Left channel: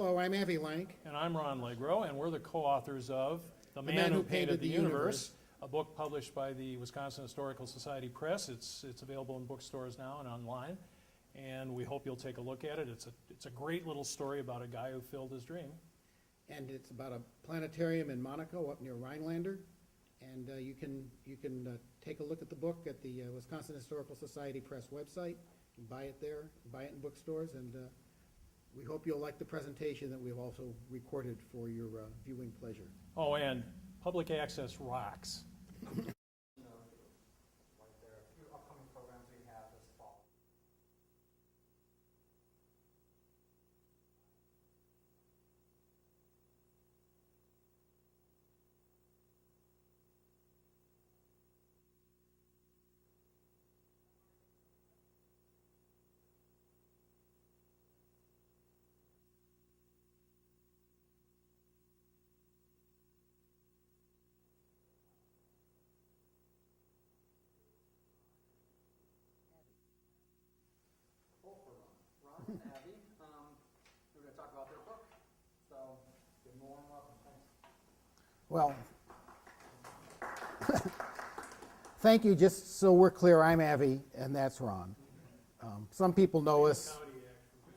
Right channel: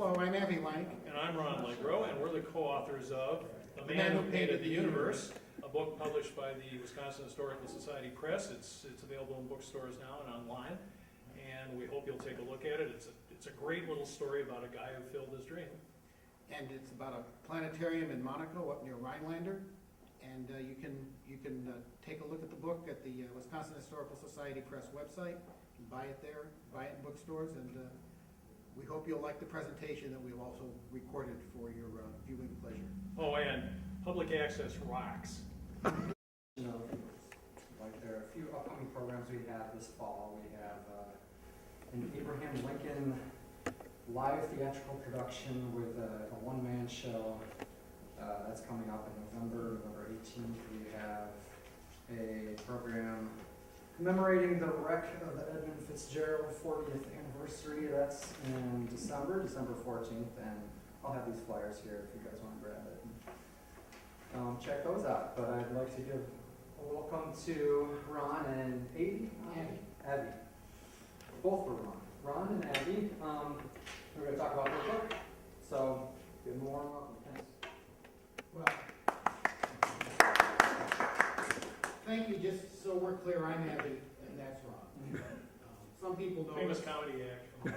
Hello, I'm Avi Lank. And I'm Ron Legro, and we're the co-authors of The Man Who Painted the Universe, a book published by the Wisconsin Historical Society Press. It's available in bookstores now and online, and we hope you'll take a look at it. It's a great little story about a guy who filled his dream. And it's about a planetarium in Monaco up near Rhinelander. And you can take a look at the book at the Wisconsin Historical Society Press website. You can buy it there, buy it in bookstores, and we hope you'll like the presentation that we've also recorded for your viewing pleasure. Oh, and public access rocks. Like there are a few upcoming programs we have this fall. We have an Abraham Lincoln live theatrical production with a one-man show. That's coming up in November 18th. We have a program commemorating the wreck of the Edmund Fitzgerald 40th anniversary. That's in December 14th, and I'll have these flyers here if you guys want to grab it. Check those out. But I'd like to give a welcome to Ron and Abby. Both for Ron. Ron and Abby. We're going to talk about their book. So, give them a warm welcome. Thanks. Well, thank you. Just so we're clear, I'm Avi, and that's Ron. Some people know us. Comedy act. Right.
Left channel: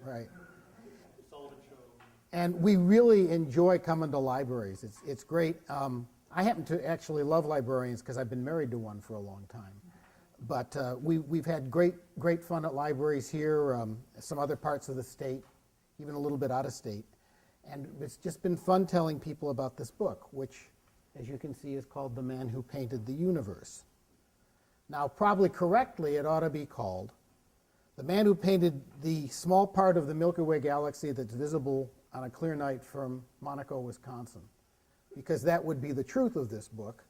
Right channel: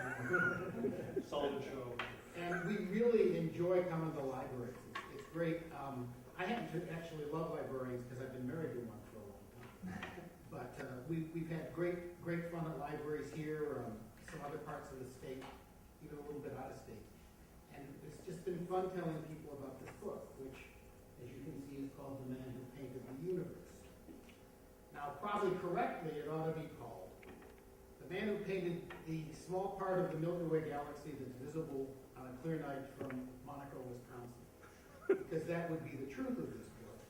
Sullivan Show. And we really enjoy coming to libraries. It's great. I happen to actually love librarians because I've been married to one for a long time. But we've had great fun at libraries here, some other parts of the state, even a little bit out of state. And it's just been fun telling people about this book, which, as you can see, is called The Man Who Painted the Universe. Now, probably correctly, it ought to be called The Man Who Painted the Small Part of the Milky Way Galaxy That's Visible on a Clear Night from Monaco, Wisconsin, because that would be the truth of this book.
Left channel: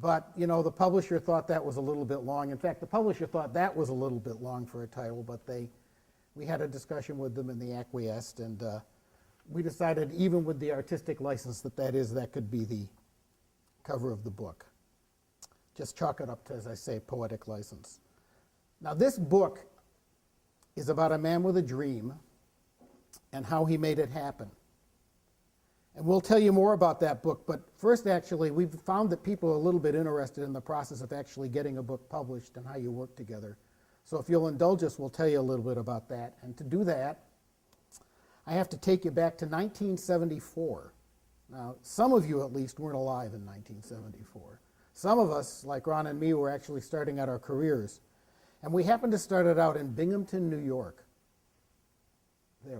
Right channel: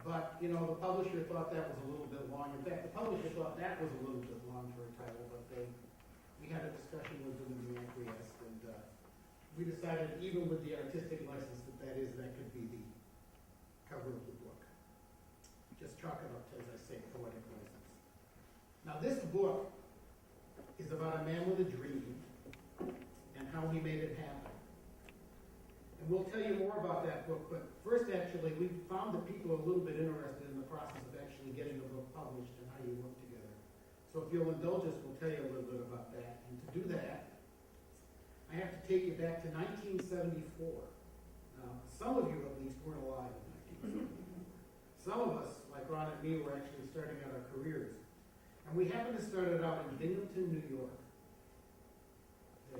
But, you know, the publisher thought that was a little bit long. In fact, the publisher thought that was a little bit long for a title, but we had a discussion with them and they acquiesced, and we decided, even with the artistic license that could be the cover of the book. Just chalk it up to, as I say, poetic license. Now, this book is about a man with a dream and how he made it happen. And we'll tell you more about that book, but first, actually, we've found that people are a little bit interested in the process of actually getting a book published and how you work together. So if you'll indulge us, we'll tell you a little bit about that. And to do that, I have to take you back to 1974. Now, some of you at least weren't alive in 1974. Some of us, like Ron and me, were actually starting out our careers. And we happened to start it out in Binghamton, New York. There.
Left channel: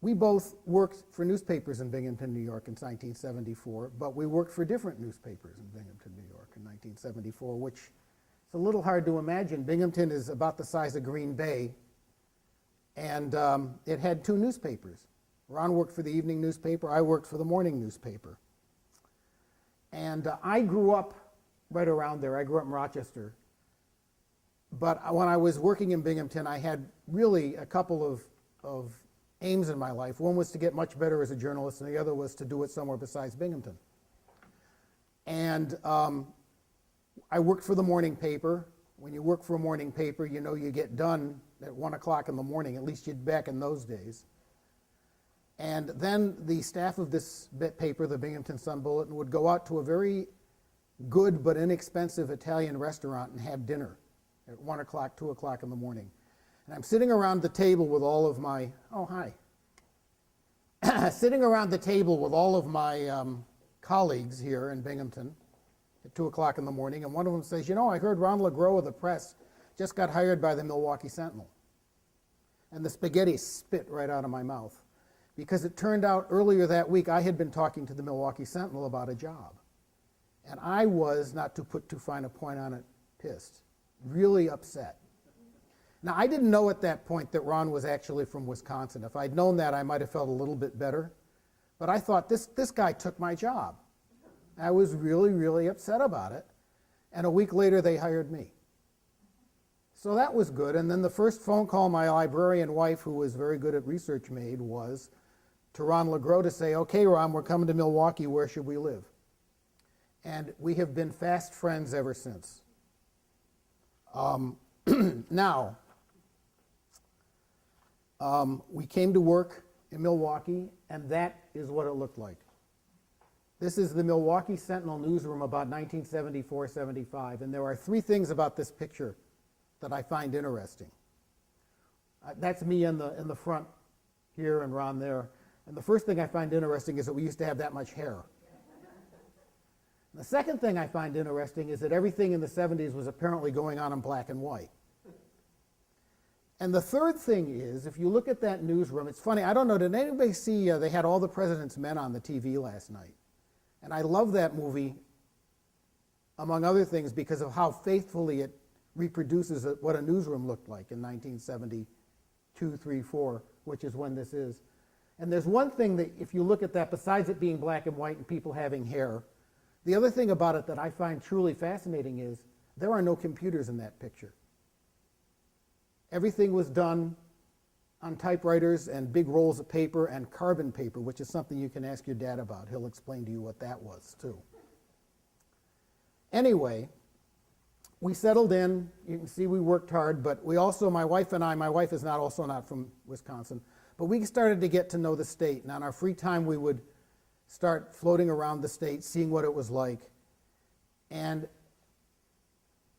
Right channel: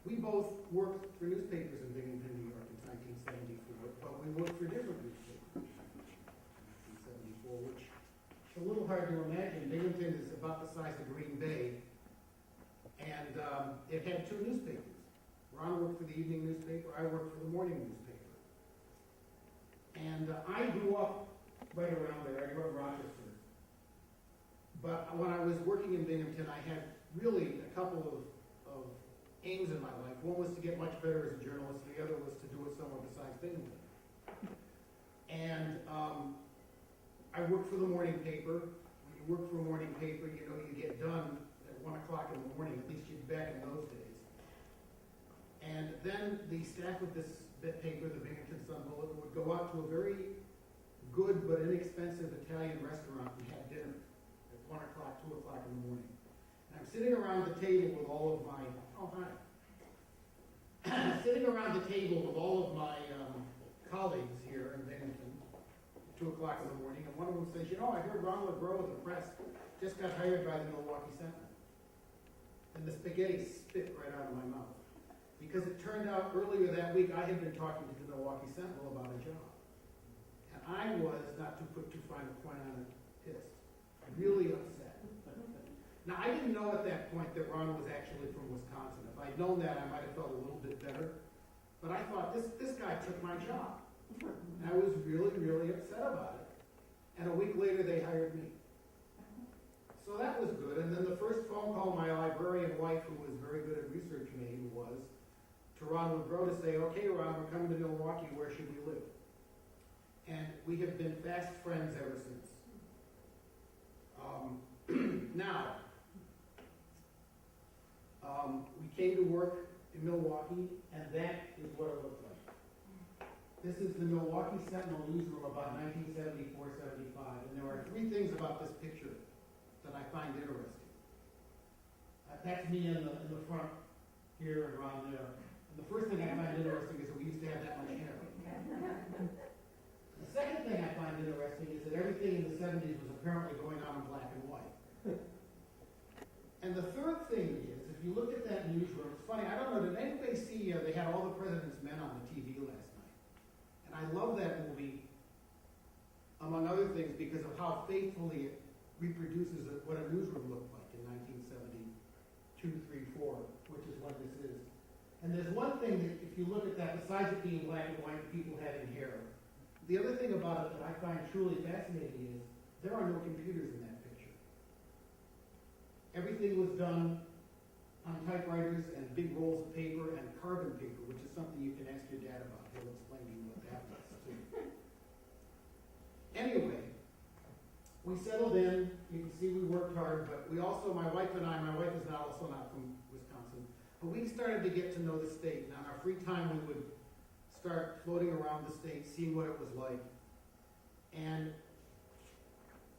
We both worked for newspapers in Binghamton, New York in 1974, but we worked for different newspapers in Binghamton, New York in 1974, which is a little hard to imagine. Binghamton is about the size of Green Bay, and it had two newspapers. Ron worked for the evening newspaper, I worked for the morning newspaper. And I grew up right around there. I grew up in Rochester. But when I was working in Binghamton, I had really a couple of aims in my life. One was to get much better as a journalist, and the other was to do it somewhere besides Binghamton. And I worked for the morning paper. When you work for a morning paper, you know you get done at 1 o'clock in the morning, at least you'd back in those days. And then the staff of this paper, the Binghamton Sun Bulletin, would go out to a very good but inexpensive Italian restaurant and have dinner at 1 o'clock, 2 o'clock in the morning. And I'm sitting around the table with all of my, sitting around the table with all of my colleagues here in Binghamton at 2 o'clock in the morning, and one of them says, you know, I heard Ron Legro of the Press just got hired by the Milwaukee Sentinel. And the spaghetti spit right out of my mouth, because it turned out earlier that week I had been talking to the Milwaukee Sentinel about a job. And I was, not to put too fine a point on it, pissed, really upset. Now, I didn't know at that point that Ron was actually from Wisconsin. If I'd known that, I might have felt a little bit better. But I thought, this guy took my job. I was really, really upset about it. And a week later, they hired me. So that was good. And then the first phone call my librarian wife, who was very good at research, made was to Ron Legro to say, okay, Ron, we're coming to Milwaukee. Where should we live? And we have been fast friends ever since. Now, We came to work in Milwaukee, and that is what it looked like. This is the Milwaukee Sentinel newsroom about 1974-75, and there are three things about this picture that I find interesting. That's me in the front here and Ron there. And the first thing I find interesting is that we used to have that much hair. The second thing I find interesting is that everything in the 70s was apparently going on in black and white. And the third thing is, if you look at that newsroom, it's funny, I don't know, did anybody see, they had All the President's Men on the TV last night. And I love that movie, among other things, because of how faithfully it reproduces what a newsroom looked like in 1972, 3, 4, which is when this is. And there's one thing that, if you look at that, besides it being black and white and people having hair, the other thing about it that I find truly fascinating is there are no computers in that picture. Everything was done on typewriters and big rolls of paper and carbon paper, which is something you can ask your dad about. He'll explain to you what that was, too. Anyway, we settled in. You can see we worked hard, but we also, my wife and I, my wife is also not from Wisconsin, but we started to get to know the state. And on our free time, we would start floating around the state, seeing what it was like. And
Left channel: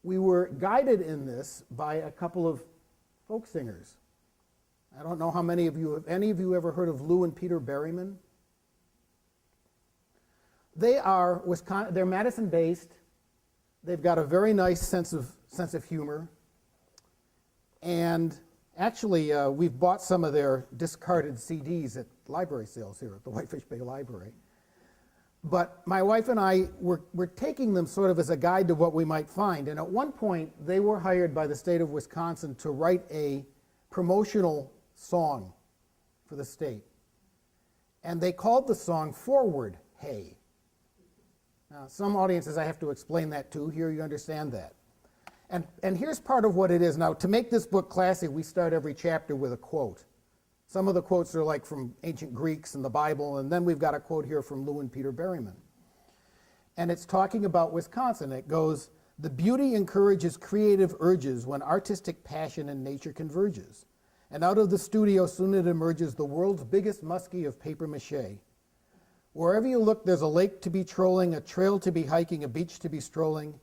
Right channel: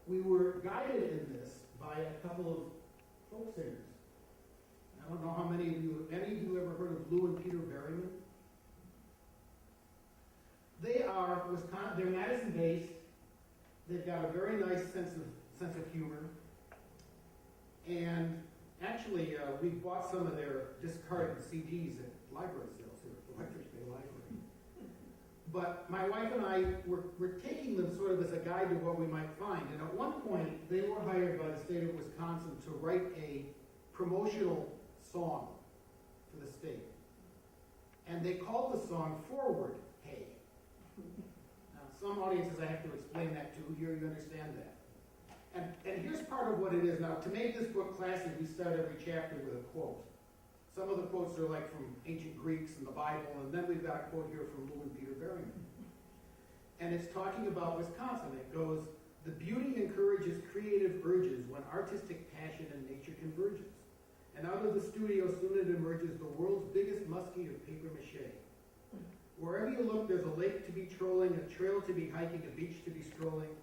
we were guided in this by a couple of folk singers. I don't know how many of you, have any of you ever heard of Lou and Peter Berryman? They are they're Madison-based. They've got a very nice sense of humor. And actually, we've bought some of their discarded CDs at library sales here at the Whitefish Bay Library. But my wife and I were taking them sort of as a guide to what we might find. And at one point, they were hired by the state of Wisconsin to write a promotional song for the state. And they called the song Forward, Hey. Now, some audiences I have to explain that to. Here you understand that. And here's part of what it is. Now, to make this book classy, we start every chapter with a quote. Some of the quotes are like from ancient Greeks and the Bible, and then we've got a quote here from Lou and Peter Berryman. And it's talking about Wisconsin. It goes, "The beauty encourages creative urges when artistic passion and nature converges. And out of the studio soon it emerges the world's biggest muskie of paper mache. Wherever you look, there's a lake to be trolling, a trail to be hiking, a beach to be strolling,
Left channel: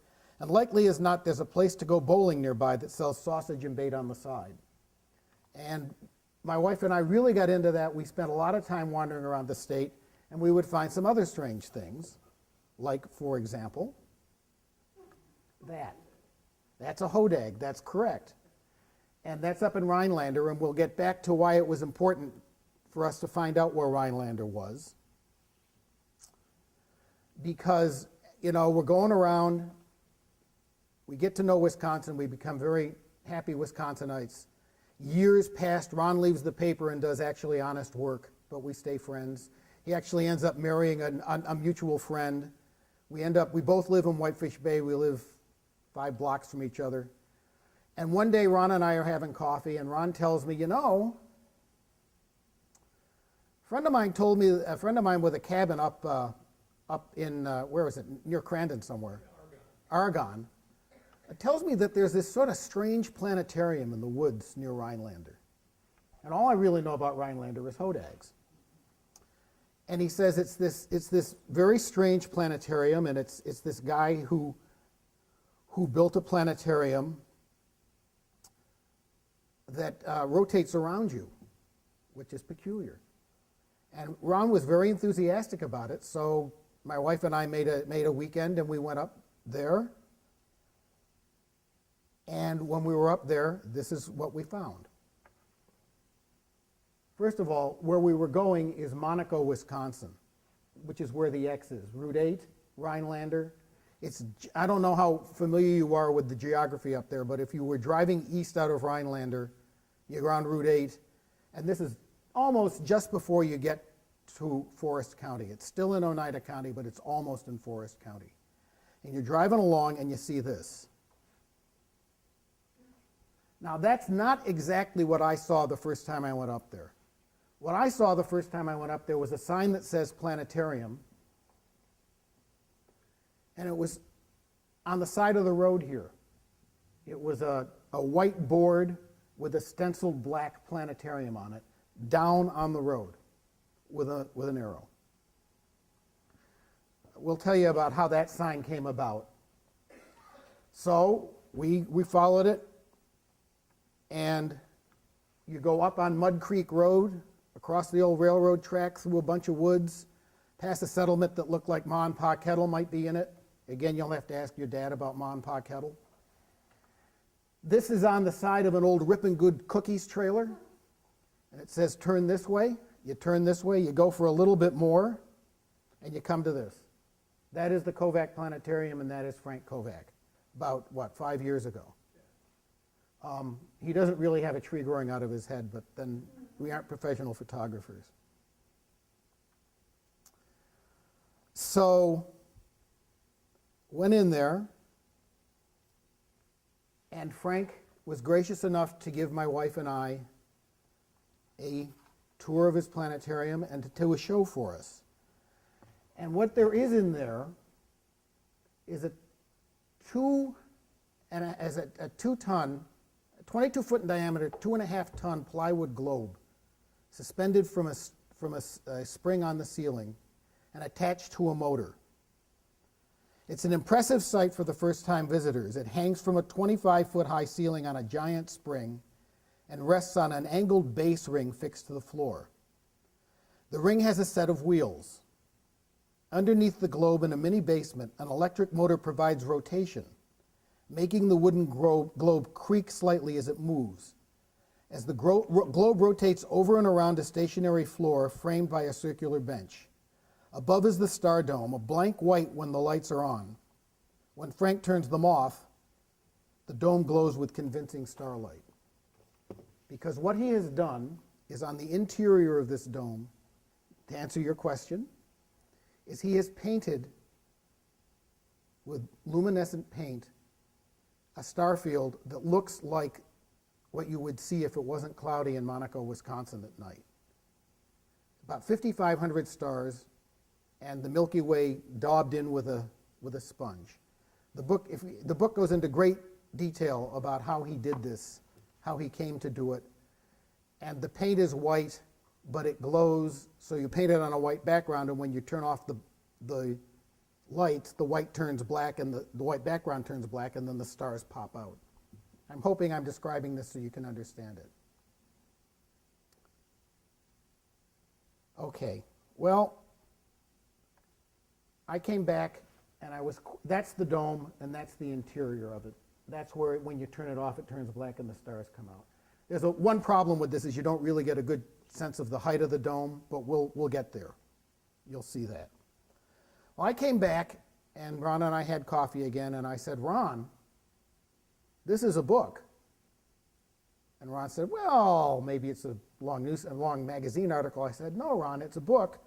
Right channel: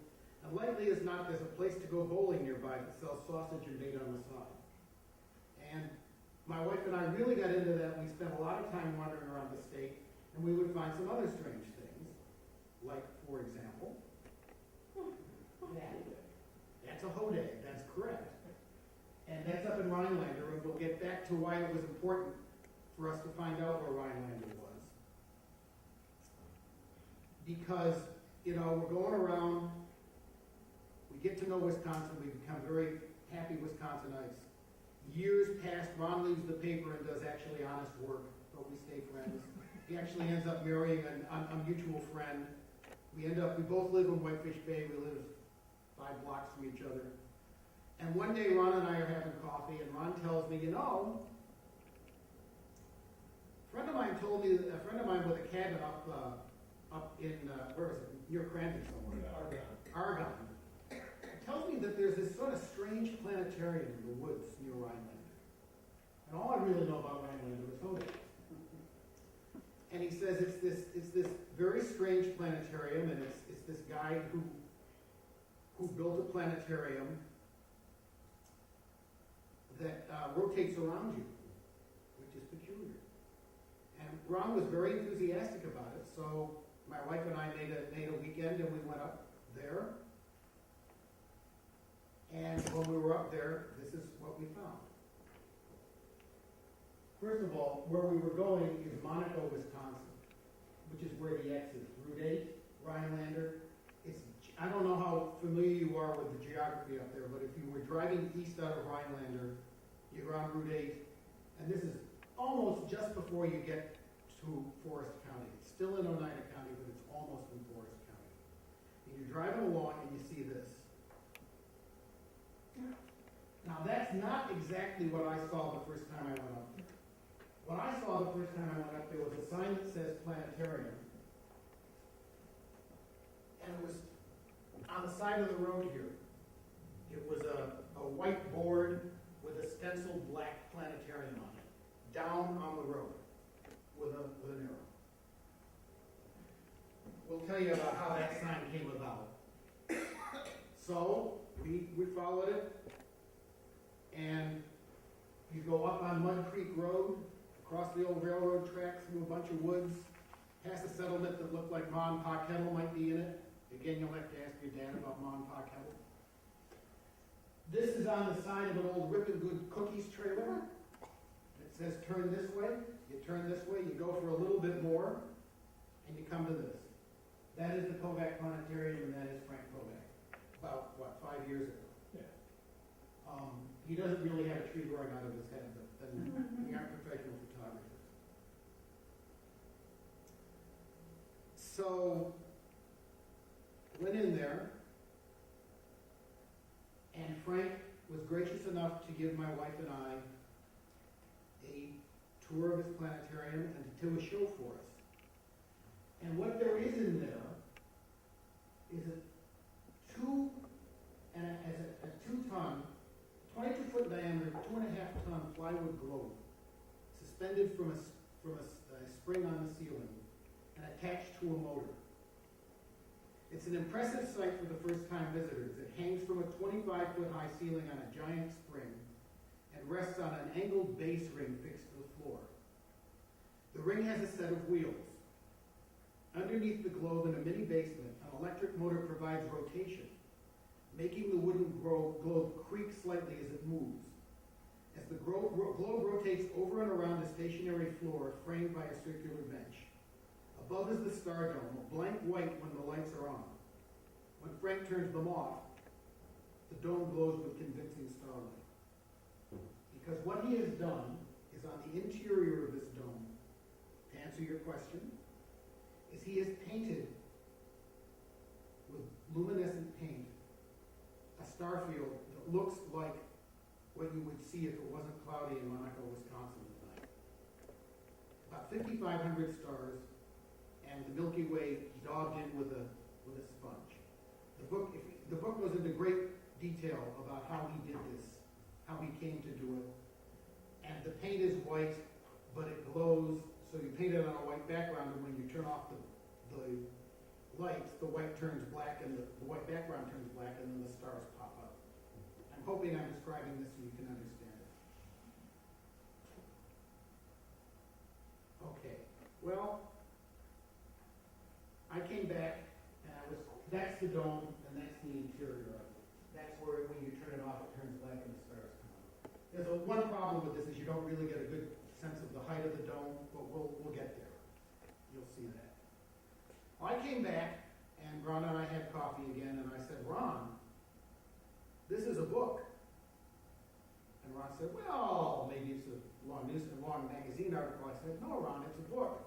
and likely as not, there's a place to go bowling nearby that sells sausage and bait on the side." And my wife and I really got into that. We spent a lot of time wandering around the state, and we would find some other strange things, like, for example, that. That's a hodag, that's correct. And that's up in Rhinelander, and we'll get back to why it was important for us to find out where Rhinelander was. Because, you know, we're going around, we get to know Wisconsin, we become very happy Wisconsinites. Years past, Ron leaves the paper and does actually honest work, but we stay friends. He actually ends up marrying a mutual friend. We both live in Whitefish Bay. We live 5 blocks from each other. And one day, Ron and I are having coffee, and Ron tells me, you know, a friend of mine with a cabin up in, where was it, near Crandon somewhere? Argonne. It tells me that there's this sort of strange planetarium in the woods near Rhinelander. And all I really know about Rhinelander is hodags. And he says it's this very strange planetarium, and it's this guy who built a planetarium that rotates around you, which is peculiar. And Ron was very enthusiastic about it, so my wife and I made a weekend, and we went up there. And when we were up there, this is what we found. First of all, where we were going is Monaco, Wisconsin, which is where the X is. Route 8, Rhinelander. I don't know how familiar you are with the geography up there, but if you were driving east out of Rhinelander, you're on Route 8, and this is almost just before you get to Forest County. It's still in Oneida County, but it's almost in Forest County. And you're driving along and you see this. Now, that's not exactly what I saw the first time I went up there. What I saw the first time I went up there was a sign that says Planetarium, and it was on the side of the road here. It was a white board with a stenciled black planetarium on it, down on the road with an arrow. We'll tell you about how that sign came about. So we followed it, and you go up on Mud Creek Road, across the old railroad track, through a bunch of woods, past a settlement that looked like Ma and Pa Kettle might be in it. Again, you'll have to ask your dad about Ma and Pa Kettle. This is on the side of an old Rippin' Good Cookies trailer, and it says turn this way. You turn this way, you go for a little bit more, and you come to this. That is the Kovac Planetarium, and that is Frank Kovac, about, 5 years ago. He doesn't really have a tree growing out of his head, but then we aren't professional photographers. So, went in there, and Frank was gracious enough to give my wife and I a tour of his planetarium and to do a show for us. And what there is in there is a 2-ton, 22-foot in diameter, 2.5-ton plywood globe suspended from a spring on the ceiling and attached to a motor. It's an impressive sight for the first-time visitors. It hangs from a 25-foot high ceiling on a giant spring and rests on an angled base ring fixed to the floor. The ring has a set of wheels. Underneath the globe in a mini basement, an electric motor provides rotation, making the wooden globe creak slightly as it moves. As the globe rotates over and around a stationary floor framed by a circular bench. Above is the star dome, a blank white when the lights are on. When Frank turns them off, the dome glows with convincing starlight. Because what he has done is on the interior of this dome, to answer your question, is he has painted with luminescent paint a star field that looks like what you would see if it wasn't cloudy in Monaco, Wisconsin at night. About 5,500 stars, and the Milky Way daubed in with a sponge. The book goes into great detail about how he did this, how he came to do it. And the paint is white, but it glows, so you paint it on a white background, and when you turn off the lights, the white turns black, and the white background turns black, and then the stars pop out. I'm hoping I'm describing this so you can understand it. Okay, well, I came back, and that's the dome, and that's the interior of it. That's where, when you turn it off, it turns black and the stars come out. There's one problem with this is you don't really get a good sense of the height of the dome, but we'll get there. You'll see that. Well, I came back, and Ron and I had coffee again, and I said, Ron, this is a book. And Ron said, well, maybe it's a long magazine article. I said, no, Ron, it's a book,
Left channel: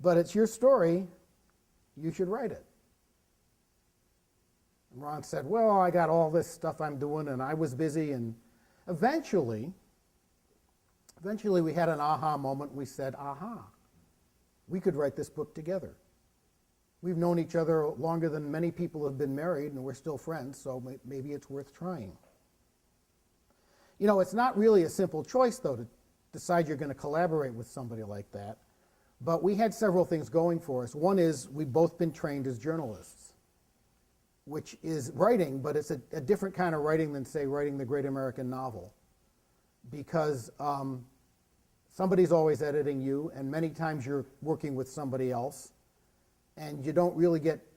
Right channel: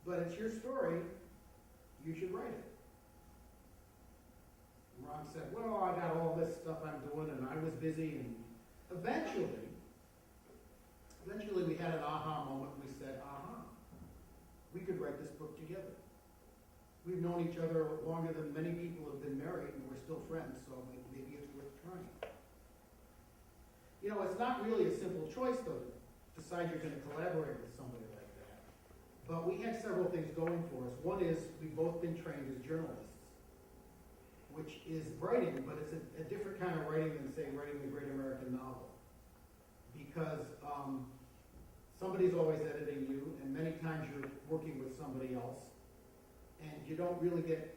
but it's your story. You should write it. And Ron said, well, I got all this stuff I'm doing, and I was busy, and eventually we had an aha moment. We said, aha, we could write this book together. We've known each other longer than many people have been married, and we're still friends, so maybe it's worth trying. You know, it's not really a simple choice, though, to decide you're going to collaborate with somebody like that. But we had several things going for us. One is we've both been trained as journalists, which is writing, but it's a different kind of writing than, say, writing the great American novel. Because somebody's always editing you, and many times you're working with somebody else, and you don't really get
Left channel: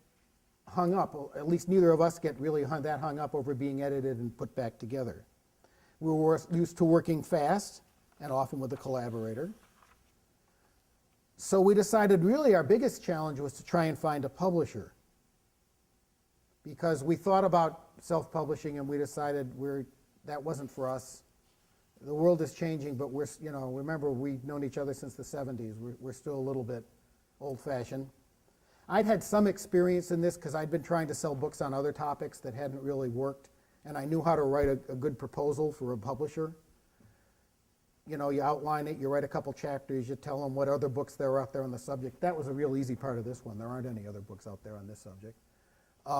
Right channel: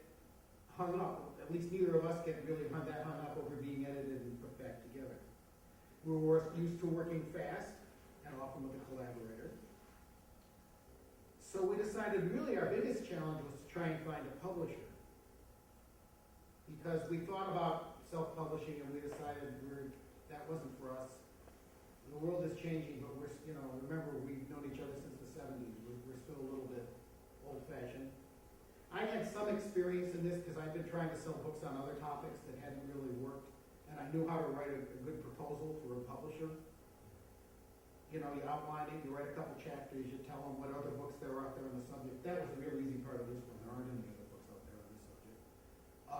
hung up, or at least neither of us get really hung up over being edited and put back together. We were used to working fast, and often with a collaborator. So we decided really our biggest challenge was to try and find a publisher. Because we thought about self-publishing, and we decided that wasn't for us. The world is changing, but remember, we've known each other since the 70s. We're still a little bit old-fashioned. I'd had some experience in this because I'd been trying to sell books on other topics that hadn't really worked, and I knew how to write a good proposal for a publisher. You know, you outline it, you write a couple chapters, you tell them what other books there are out there on the subject. That was a real easy part of this one. There aren't any other books out there on this subject.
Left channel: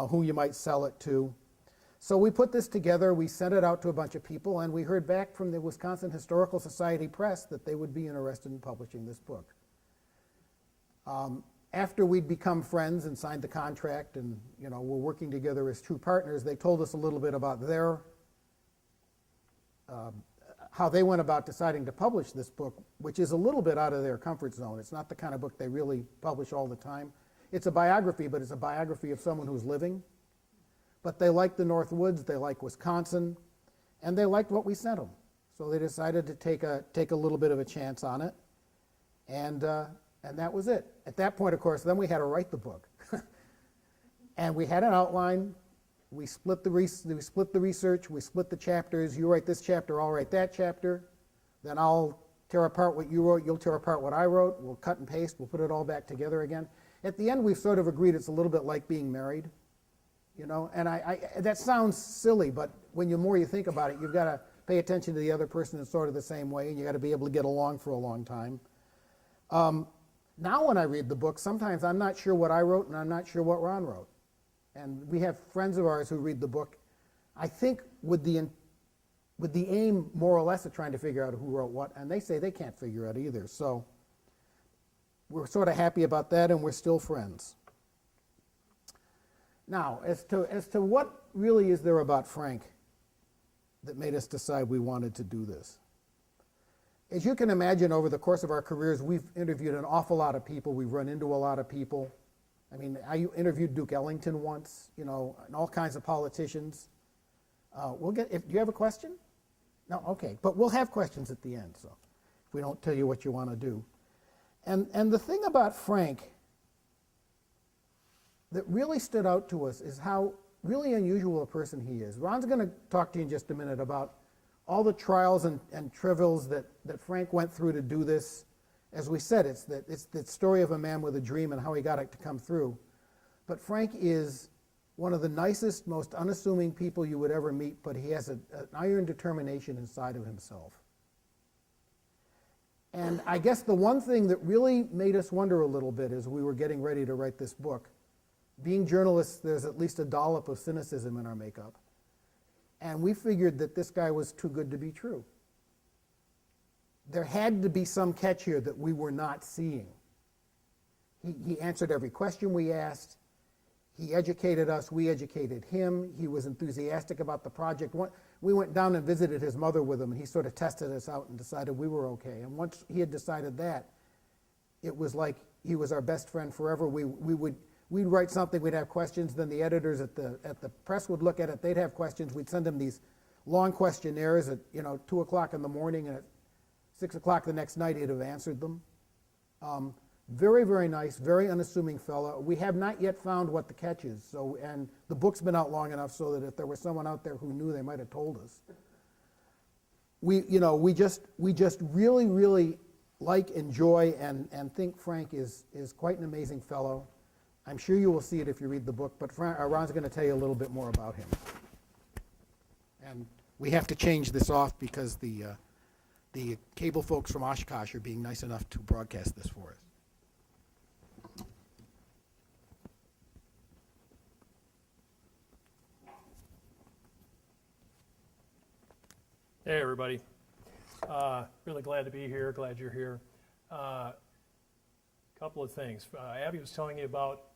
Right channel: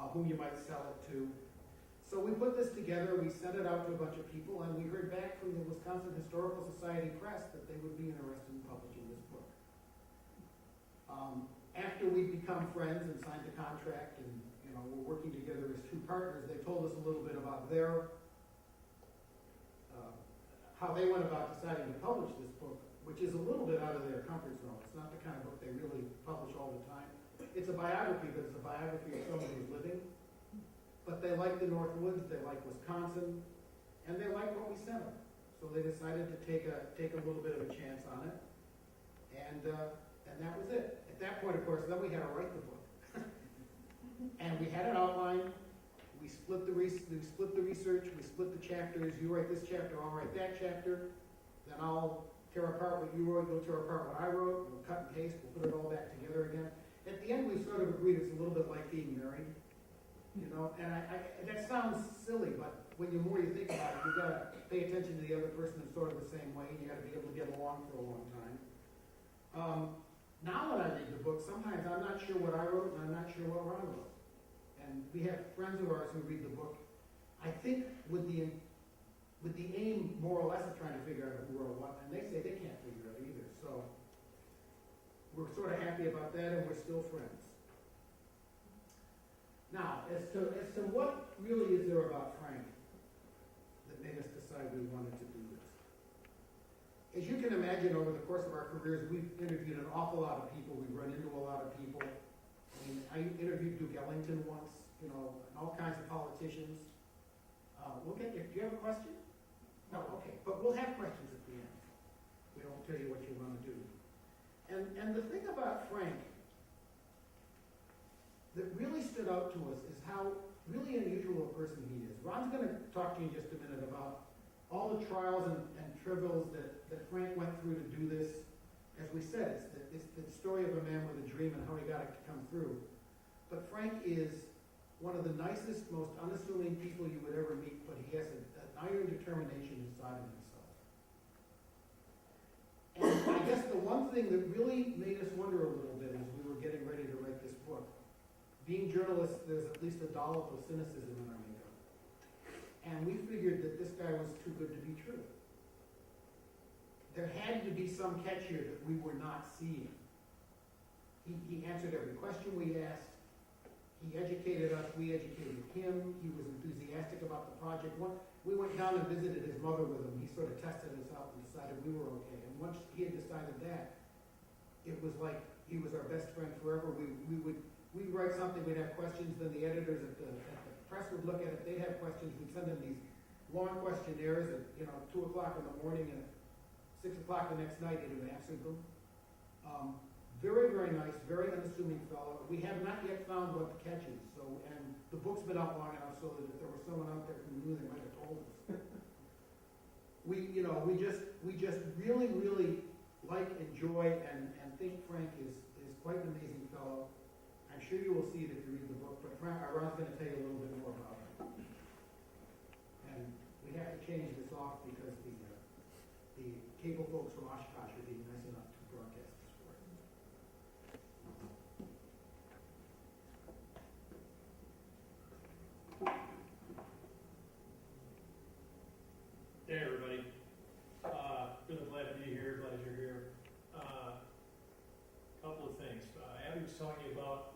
Who you might sell it to. So we put this together, we sent it out to a bunch of people, and we heard back from the Wisconsin Historical Society Press that they would be interested in publishing this book. After we'd become friends and signed the contract and, you know, we're working together as true partners, they told us a little bit about their, how they went about deciding to publish this book, which is a little bit out of their comfort zone. It's not the kind of book they really publish all the time. It's a biography, but it's a biography of someone who's living. But they like the North Woods, they like Wisconsin, and they liked what we sent them. So they decided to take a little bit of a chance on it, and that was it. At that point, of course, then we had to write the book. And we had an outline, we split the research, we split the chapters. You write this chapter, I'll write that chapter. Then I'll tear apart what you wrote, you'll tear apart what I wrote. We'll cut and paste, we'll put it all back together again. At the end, we've sort of agreed it's a little bit like being married. You know, and that sounds silly, but when the more you think about it, you've got to pay attention to the other person in sort of the same way, and you've got to be able to get along for a long time. Now when I read the book, sometimes I'm not sure what I wrote and I'm not sure what Ron wrote. And we have friends of ours who read the book, I think with the aim more or less of trying to figure out who wrote what, and they say they can't figure out either. So we're sort of happy about that, and we're still friends. Now, as to what really is there about Frank that made us decide we wanted to do this? As you can imagine, over the course of our careers, we've interviewed an awful lot of people. We've run into a lot of people. I mean, I interviewed Duke Ellington once, you know, and all kinds of politicians. Do you have a question? No, okay, but we'll have questions at the end, so if we don't tell you what you want to do. And the thing about Frank that really stood out to us is how really unusual a person he is. Ron's going to talk to you in just a minute about all the trials and travails that Frank went through to do this. As we said, it's the story of a man with a dream and how he got it to come through. But Frank is one of the nicest, most unassuming people you would ever meet, but he has an iron determination inside of himself. And I guess the one thing that really made us wonder a little bit as we were getting ready to write this book, being journalists, there's at least a dollop of cynicism in our makeup. And we figured that this guy was too good to be true. There had to be some catch here that we were not seeing. He answered every question we asked. He educated us, we educated him. He was enthusiastic about the project. We went down and visited his mother with him, and he sort of tested us out and decided we were okay. And once he had decided that, it was like he was our best friend forever. We'd write something, we'd have questions, then the editors at the press would look at it, they'd have questions, we'd send them these long questionnaires at 2 o'clock in the morning, and at 6 o'clock the next night he'd have answered them. Very, very nice, very unassuming fellow. We have not yet found what the catch is, and the book's been out long enough so that if there was someone out there who knew, they might have told us. We just really, really like, enjoy, and think Frank is quite an amazing fellow. I'm sure you will see it if you read the book, but Ron's going to tell you a little bit more about him. And we have to change this off because the cable folks from Oshkosh are being nice enough to broadcast this for us. Hey, everybody. Really glad to be here, glad you're here. Couple of things. Abby was telling you about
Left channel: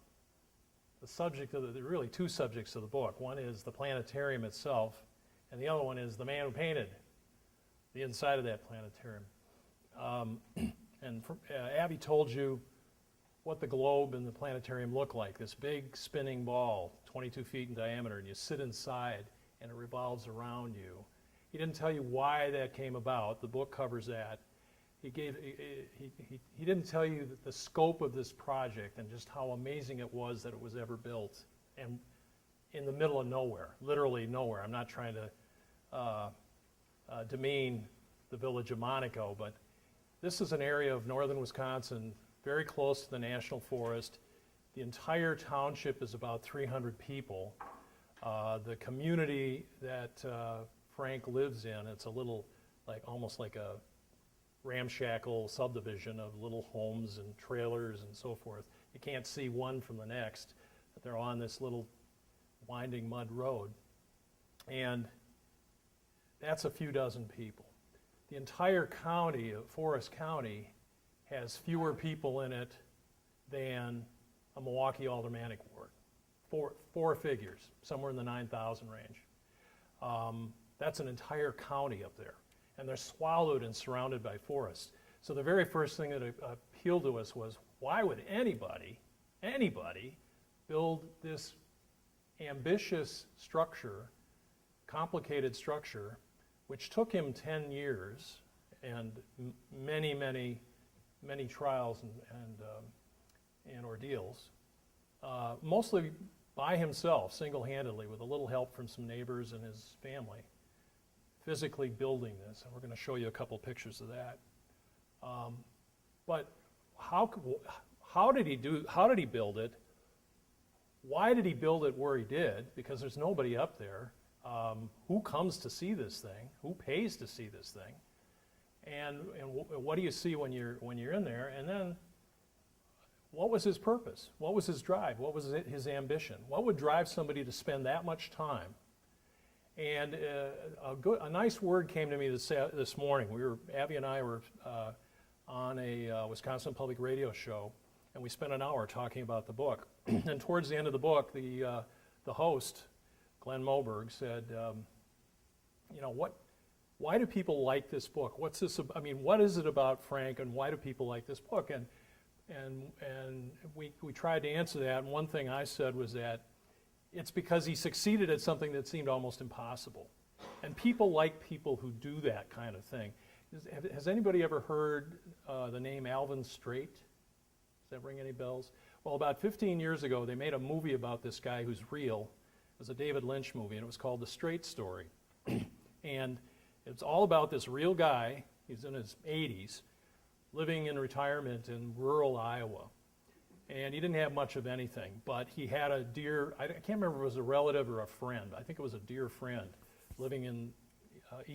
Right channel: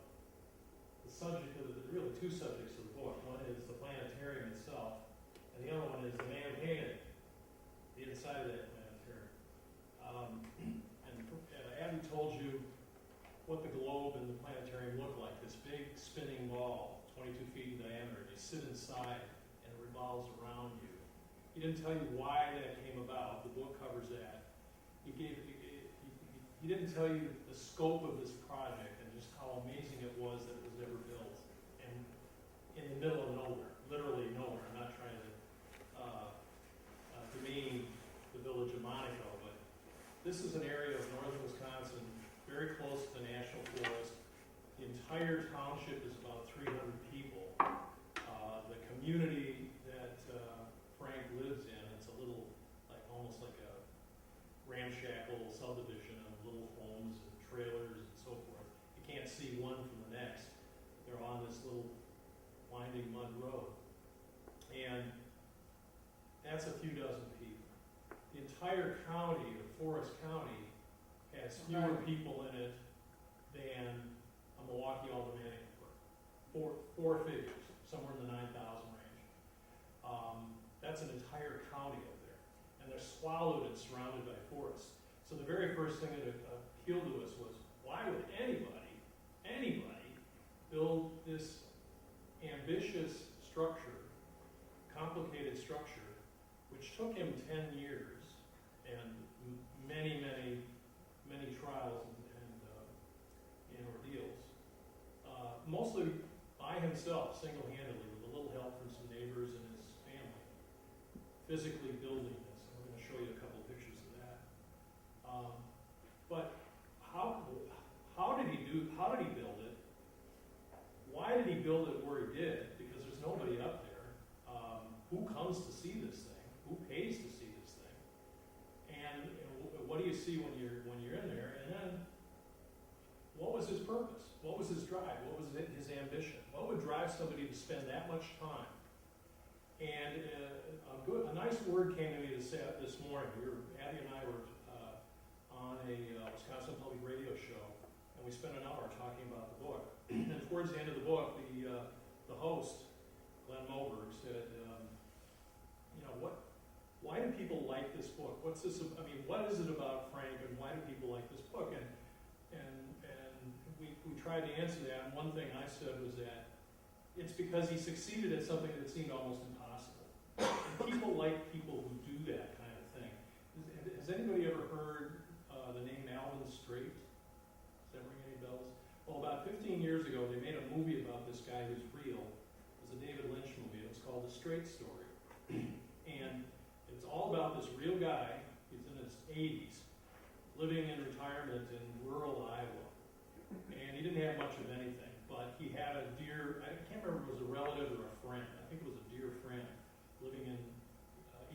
the subject of really two subjects of the book. One is the planetarium itself, and the other one is the man who painted the inside of that planetarium. Abby told you what the globe and the planetarium look like, this big spinning ball, 22 feet in diameter, and you sit inside and it revolves around you. He didn't tell you why that came about. The book covers that. He didn't tell you the scope of this project and just how amazing it was that it was ever built and in the middle of nowhere, literally nowhere. I'm not trying to demean the village of Monaco, but this is an area of northern Wisconsin very close to the National Forest. The entire township is about 300 people. The community that Frank lives in, it's a little, almost like a ramshackle subdivision of little homes and trailers and so forth. You can't see one from the next, but they're on this little winding mud road. And that's a few dozen people. The entire county of Forest County has fewer people in it than a Milwaukee Aldermanic Ward. Four figures, somewhere in the 9,000 range. That's an entire county up there. And they're swallowed and surrounded by forests. So the very first thing that appealed to us was, why would anybody build this ambitious structure, complicated structure, which took him 10 years and many trials and ordeals, mostly by himself, single-handedly, with a little help from some neighbors and his family, physically building this. And we're going to show you a couple pictures of that. But how did he build it? Why did he build it where he did? Because there's nobody up there. Who comes to see this thing? Who pays to see this thing? And what do you see when you're in there? And then, what was his purpose? What was his drive? What was his ambition? What would drive somebody to spend that much time? And a nice word came to me this morning. Abby and I were on a Wisconsin Public Radio show, and we spent an hour talking about the book. And towards the end of the book, the host, Glenn Moberg, said, why do people like this book? What's this? I mean, what is it about Frank, and why do people like this book? And we tried to answer that. And one thing I said was that it's because he succeeded at something that seemed almost impossible. And people like people who do that kind of thing. Has anybody ever heard the name Alvin Straight? Does that ring any bells? Well, about 15 years ago, they made a movie about this guy who's real. It was a David Lynch movie, and it was called The Straight Story. And it's all about this real guy, he's in his 80s, living in retirement in rural Iowa. And he didn't have much of anything, but he had a dear, I can't remember if it was a relative or a friend. I think it was a dear friend living in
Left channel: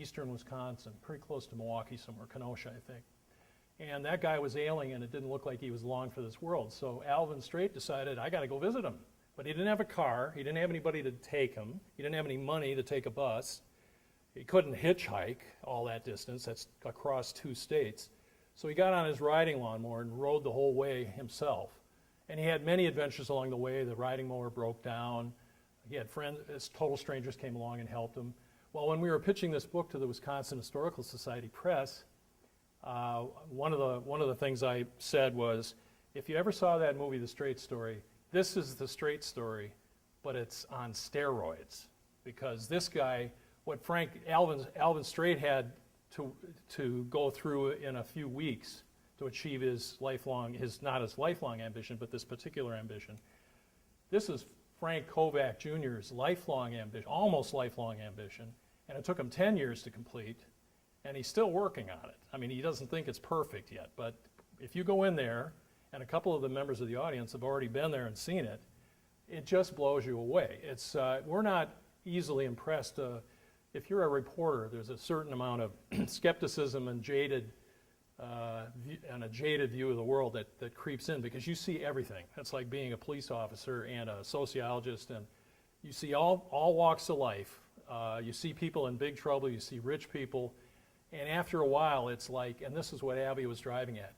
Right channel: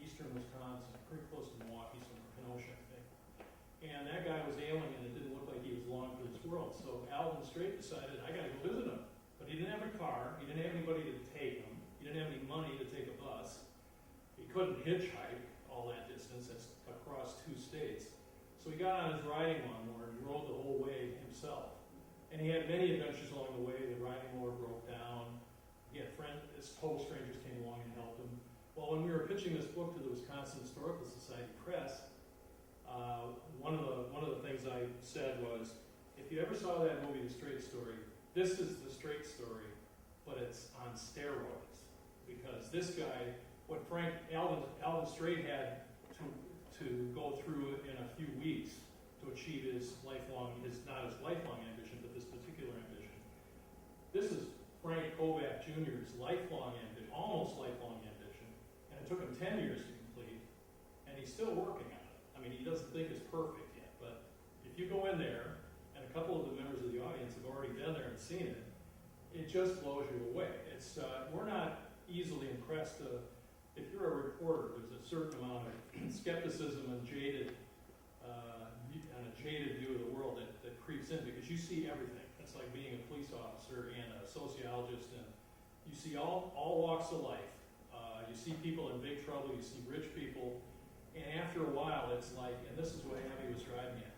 eastern Wisconsin, pretty close to Milwaukee somewhere, Kenosha, I think. And that guy was ailing, and it didn't look like he was long for this world. So Alvin Straight decided, I got to go visit him. But he didn't have a car. He didn't have anybody to take him. He didn't have any money to take a bus. He couldn't hitchhike all that distance. That's across 2 states. So he got on his riding lawnmower and rode the whole way himself. And he had many adventures along the way. The riding mower broke down. He had friends, total strangers came along and helped him. Well, when we were pitching this book to the Wisconsin Historical Society Press, one of the things I said was, if you ever saw that movie, The Straight Story, this is The Straight Story, but it's on steroids. Because this guy, what Alvin Straight had to go through in a few weeks to achieve his not his lifelong ambition, but this particular ambition. This is Frank Kovac Jr.'s lifelong ambition, almost lifelong ambition, and it took him 10 years to complete, and he's still working on it. I mean, he doesn't think it's perfect yet, but if you go in there, and a couple of the members of the audience have already been there and seen it, it just blows you away. We're not easily impressed. If you're a reporter, there's a certain amount of skepticism and a jaded view of the world that creeps in, because you see everything. That's like being a police officer and a sociologist, and you see all walks of life. You see people in big trouble, you see rich people, and after a while it's like, and this is what Abby was driving at,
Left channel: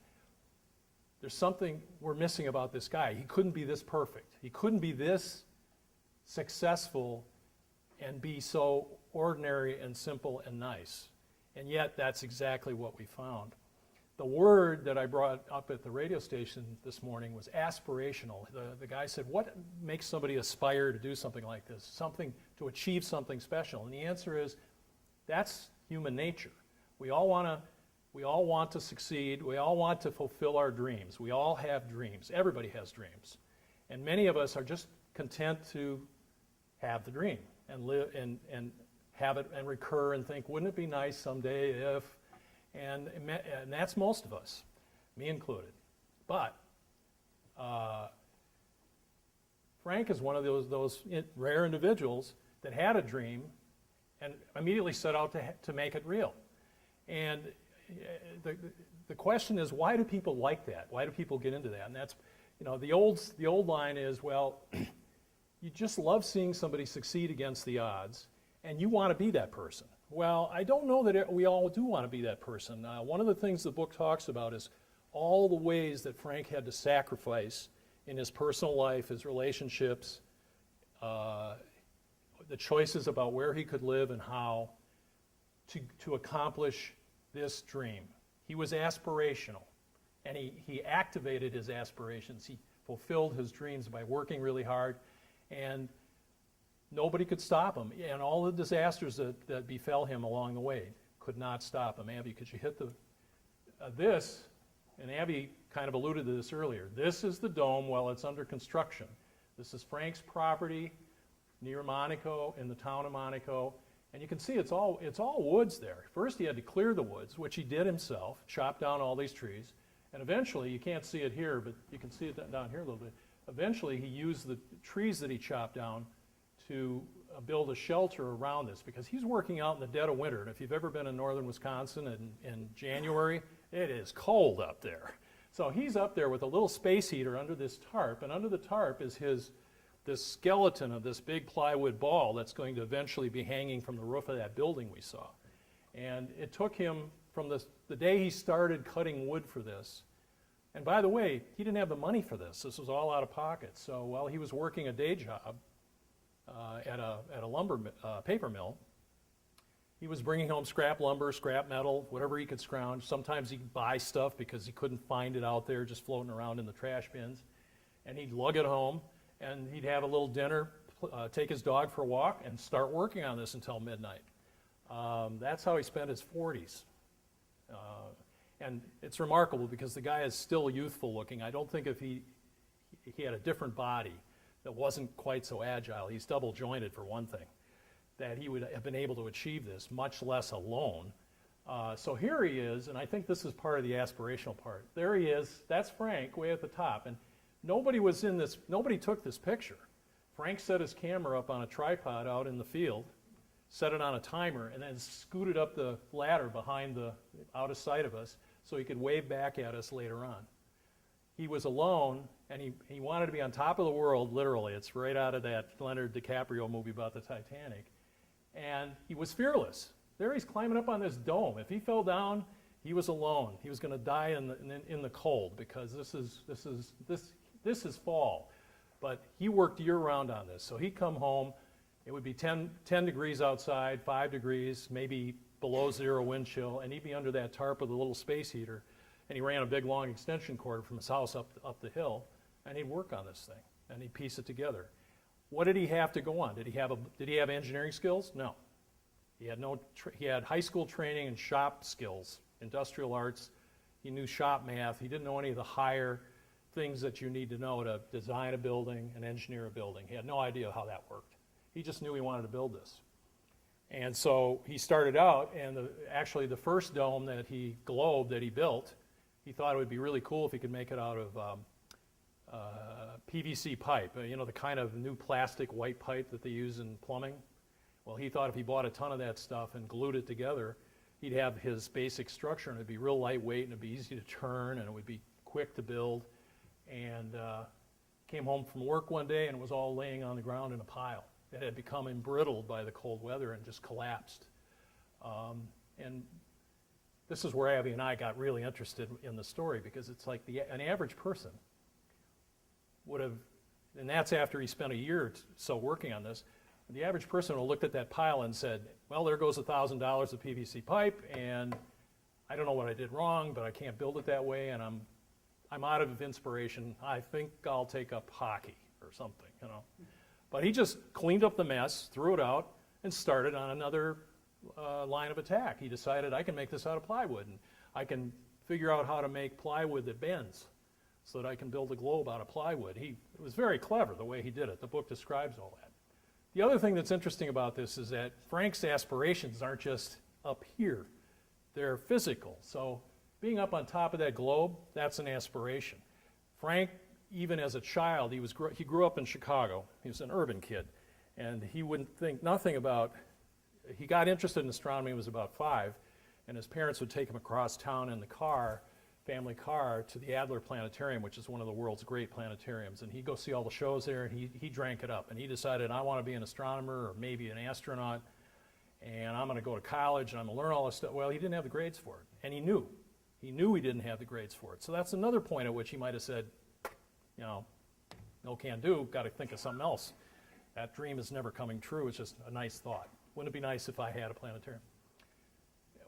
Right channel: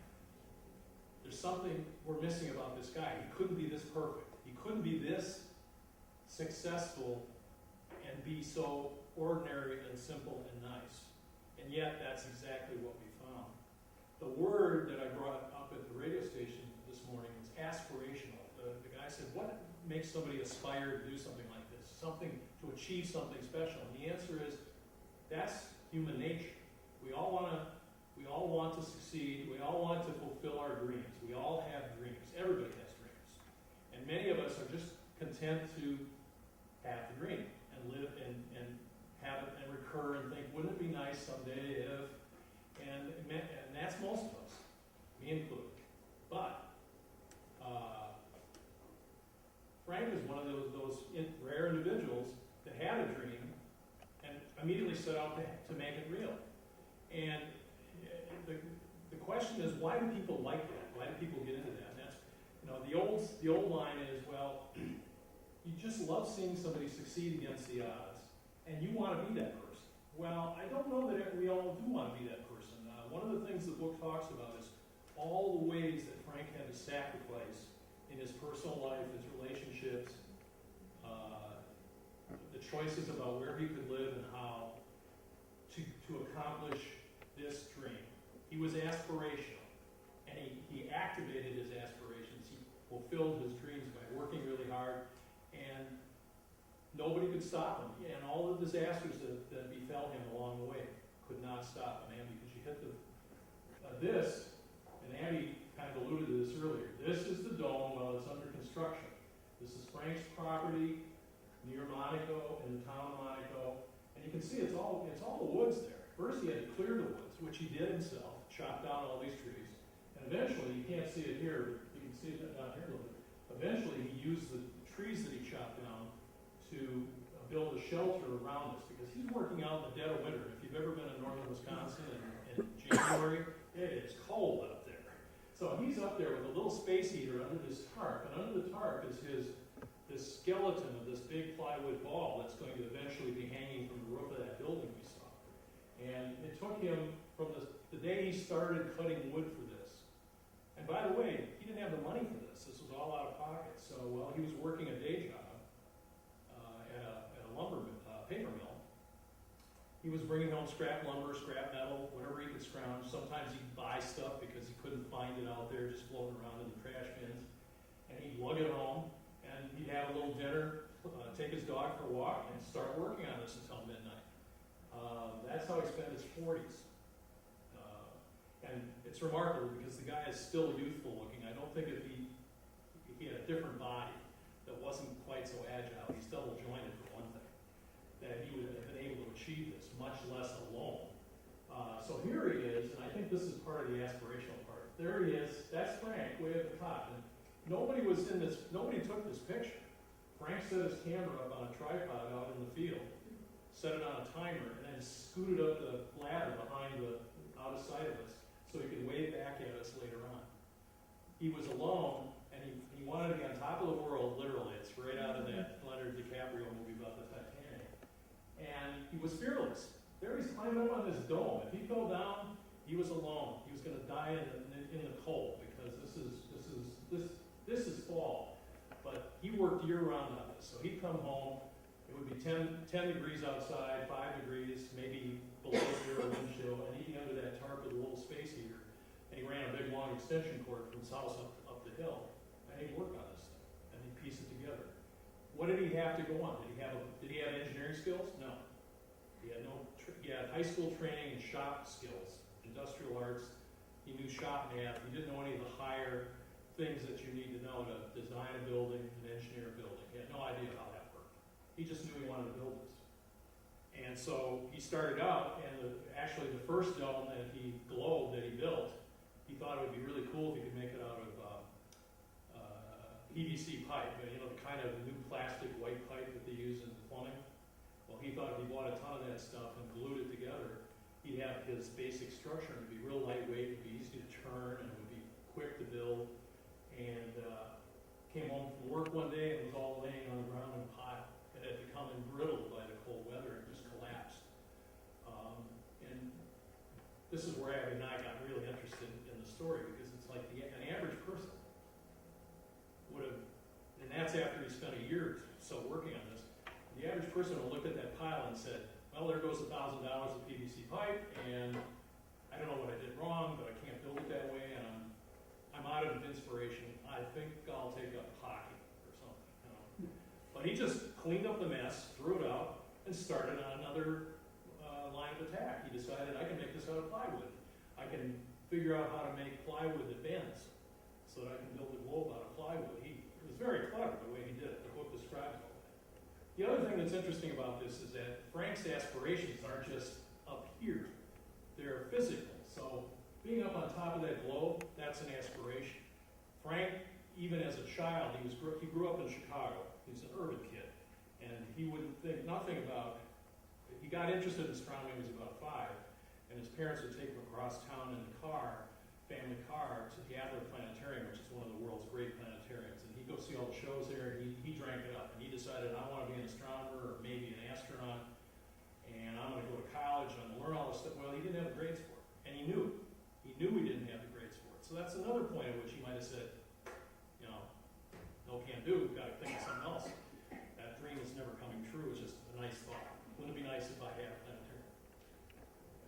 there's something we're missing about this guy. He couldn't be this perfect. He couldn't be this successful and be so ordinary and simple and nice. And yet that's exactly what we found. The word that I brought up at the radio station this morning was aspirational. The guy said, what makes somebody aspire to do something like this? Something to achieve something special. And the answer is, that's human nature. We all want to succeed. We all want to fulfill our dreams. We all have dreams. Everybody has dreams. And many of us are just content to have the dream and live and have it and recur and think, wouldn't it be nice someday if, and that's most of us, me included. But Frank is one of those rare individuals that had a dream and immediately set out to make it real. And the question is, why do people like that? Why do people get into that? And that's, the old line is, well, you just love seeing somebody succeed against the odds, and you want to be that person. Well, I don't know that we all do want to be that person. One of the things the book talks about is all the ways that Frank had to sacrifice in his personal life, his relationships, the choices about where he could live and how to accomplish this dream. He was aspirational, and he activated his aspirations. He fulfilled his dreams by working really hard, and nobody could stop him. And all the disasters that befell him along the way could not stop him. Abby, could you hit this, and Abby kind of alluded to this earlier. This is the dome while it's under construction. This is Frank's property near Monaco, in the town of Monaco. And you can see it's all woods there. First he had to clear the woods, which he did himself, chopped down all these trees. And eventually, you can't see it here, but you can see it down here a little bit. Eventually he used the trees that he chopped down to build a shelter around this, because he's working out in the dead of winter. And if you've ever been in northern Wisconsin in January, it is cold up there. So he's up there with a little space heater under this tarp, and under the tarp is this skeleton of this big plywood ball that's going to eventually be hanging from the roof of that building we saw. And it took him from the day he started cutting wood for this. And by the way, he didn't have the money for this. This was all out of pocket. So while he was working a day job at a lumber paper mill, he was bringing home scrap lumber, scrap metal, whatever he could scrounge. Sometimes he'd buy stuff because he couldn't find it out there just floating around in the trash bins. And he'd lug it home, and he'd have a little dinner, take his dog for a walk, and start working on this until midnight. That's how he spent his 40s. And it's remarkable because the guy is still youthful looking. I don't think if he had a different body that wasn't quite so agile, he's double jointed for one thing, that he would have been able to achieve this, much less alone. So here he is, and I think this is part of the aspirational part. There he is, that's Frank way at the top. And nobody took this picture. Frank set his camera up on a tripod out in the field, set it on a timer, and then scooted up the ladder out of sight of us so he could wave back at us later on. He was alone, and he wanted to be on top of the world, literally. It's right out of that Leonardo DiCaprio movie about the Titanic. And he was fearless. There he's climbing up on this dome. If he fell down, he was alone. He was going to die in the cold, because this is fall. But he worked year-round on this. So he'd come home. It would be 10 degrees outside, 5 degrees, maybe below zero wind chill, and he'd be under that tarp with a little space heater. And he ran a big, long extension cord from his house up the hill, and he'd work on this thing, and he'd piece it together. What did he have to go on? Did he have engineering skills? No. He had high school training and shop skills, industrial arts. He knew shop math. He didn't know any of the higher things that you need to know to design a building and engineer a building. He had no idea how that worked. He just knew he wanted to build this. And so he started out, and actually the first dome that he built, he thought it would be really cool if he could make it out of PVC pipe, the kind of new plastic white pipe that they use in plumbing. Well, he thought if he bought a ton of that stuff and glued it together, he'd have his basic structure, and it'd be real lightweight, and it'd be easy to turn, and it would be quick to build. And came home from work one day, and it was all laying on the ground in a pile. It had become embrittled by the cold weather and just collapsed. And this is where Abby and I got really interested in the story, because it's like an average person would have, and that's after he spent a year or so working on this, the average person would have looked at that pile and said, well, there goes $1,000 of PVC pipe, and I don't know what I did wrong, but I can't build it that way, and I'm out of inspiration. I think I'll take up hockey or something, But he just cleaned up the mess, threw it out, and started on another line of attack. He decided, I can make this out of plywood, and I can figure out how to make plywood that bends so that I can build a globe out of plywood. It was very clever the way he did it. The book describes all that. The other thing that's interesting about this is that Frank's aspirations aren't just up here. They're physical. So being up on top of that globe, that's an aspiration. Frank, even as a child, he grew up in Chicago. He was an urban kid, and he wouldn't think nothing about. He got interested in astronomy when he was about 5, and his parents would take him across town in the family car, to the Adler Planetarium, which is one of the world's great planetariums. And he'd go see all the shows there, and he drank it up. And he decided, I want to be an astronomer or maybe an astronaut. and I'm going to go to college, and I'm going to learn all this stuff. Well, he didn't have the grades for it, and he knew. He knew he didn't have the grades for it. So that's another point at which he might have said, you know, no can do, got to think of something else. That dream is never coming true. It's just a nice thought. Wouldn't it be nice if I had a planetarium?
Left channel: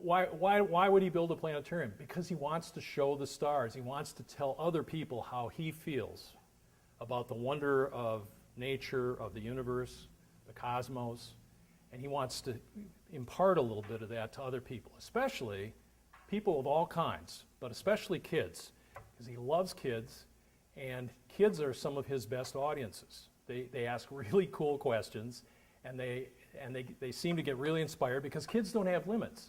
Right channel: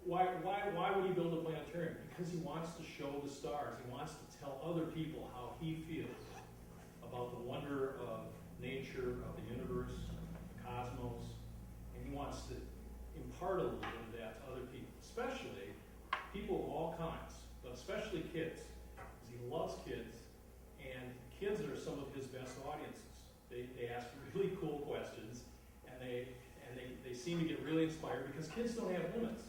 Why would he build a planetarium? Because he wants to show the stars. He wants to tell other people how he feels about the wonder of nature, of the universe, the cosmos, and he wants to impart a little bit of that to other people, especially people of all kinds, but especially kids, because he loves kids, and kids are some of his best audiences. They ask really cool questions, and they seem to get really inspired because kids don't have limits,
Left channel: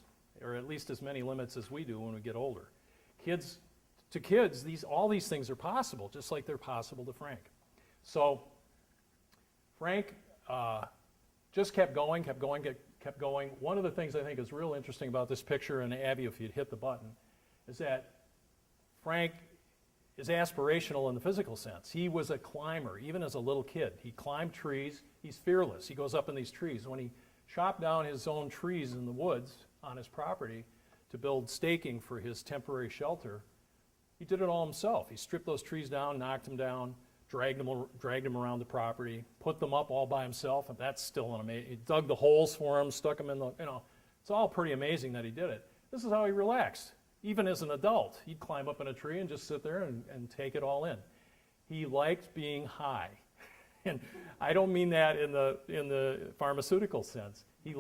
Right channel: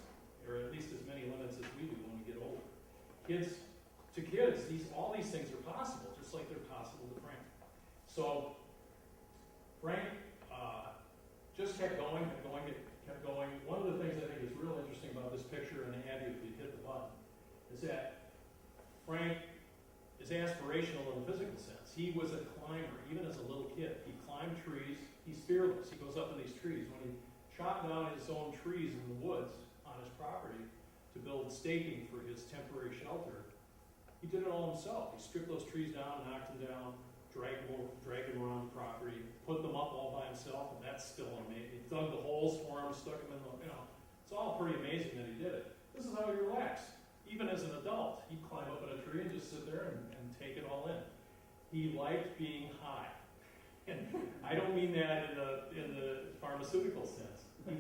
or at least as many limits as we do when we get older. To kids, all these things are possible, just like they're possible to Frank. So Frank just kept going. One of the things I think is real interesting about this picture, and Abby, if you'd hit the button, is that Frank is aspirational in the physical sense. He was a climber, even as a little kid. He climbed trees. He's fearless. He goes up in these trees. When he chopped down his own trees in the woods on his property to build staking for his temporary shelter, he did it all himself. He stripped those trees down, knocked them down, dragged them around the property, put them up all by himself, and that's still an amazing. He dug the holes for them, stuck them in the, it's all pretty amazing that he did it. This is how he relaxed. Even as an adult, he'd climb up in a tree and just sit there and take it all in. He liked being high. And I don't mean that in the pharmaceutical sense. It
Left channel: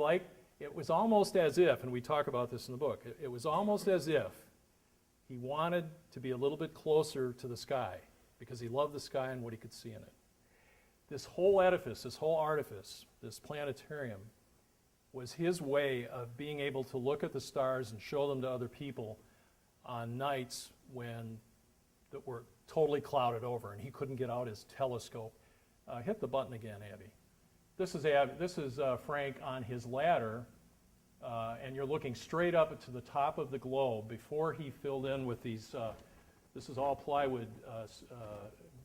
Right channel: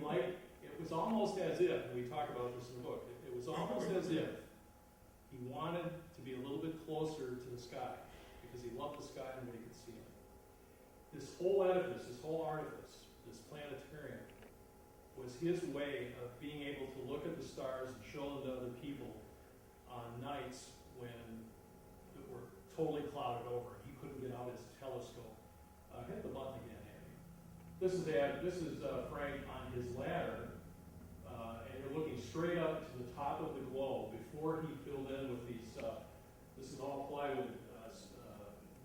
was almost as if, and we talk about this in the book, it was almost as if he wanted to be a little bit closer to the sky because he loved the sky and what he could see in it. This whole edifice, this whole artifice, this planetarium, was his way of being able to look at the stars and show them to other people on nights when that were totally clouded over and he couldn't get out his telescope. Hit the button again, Abby. This is Frank on his ladder, and you're looking straight up to the top of the globe before he filled in with these. This is all plywood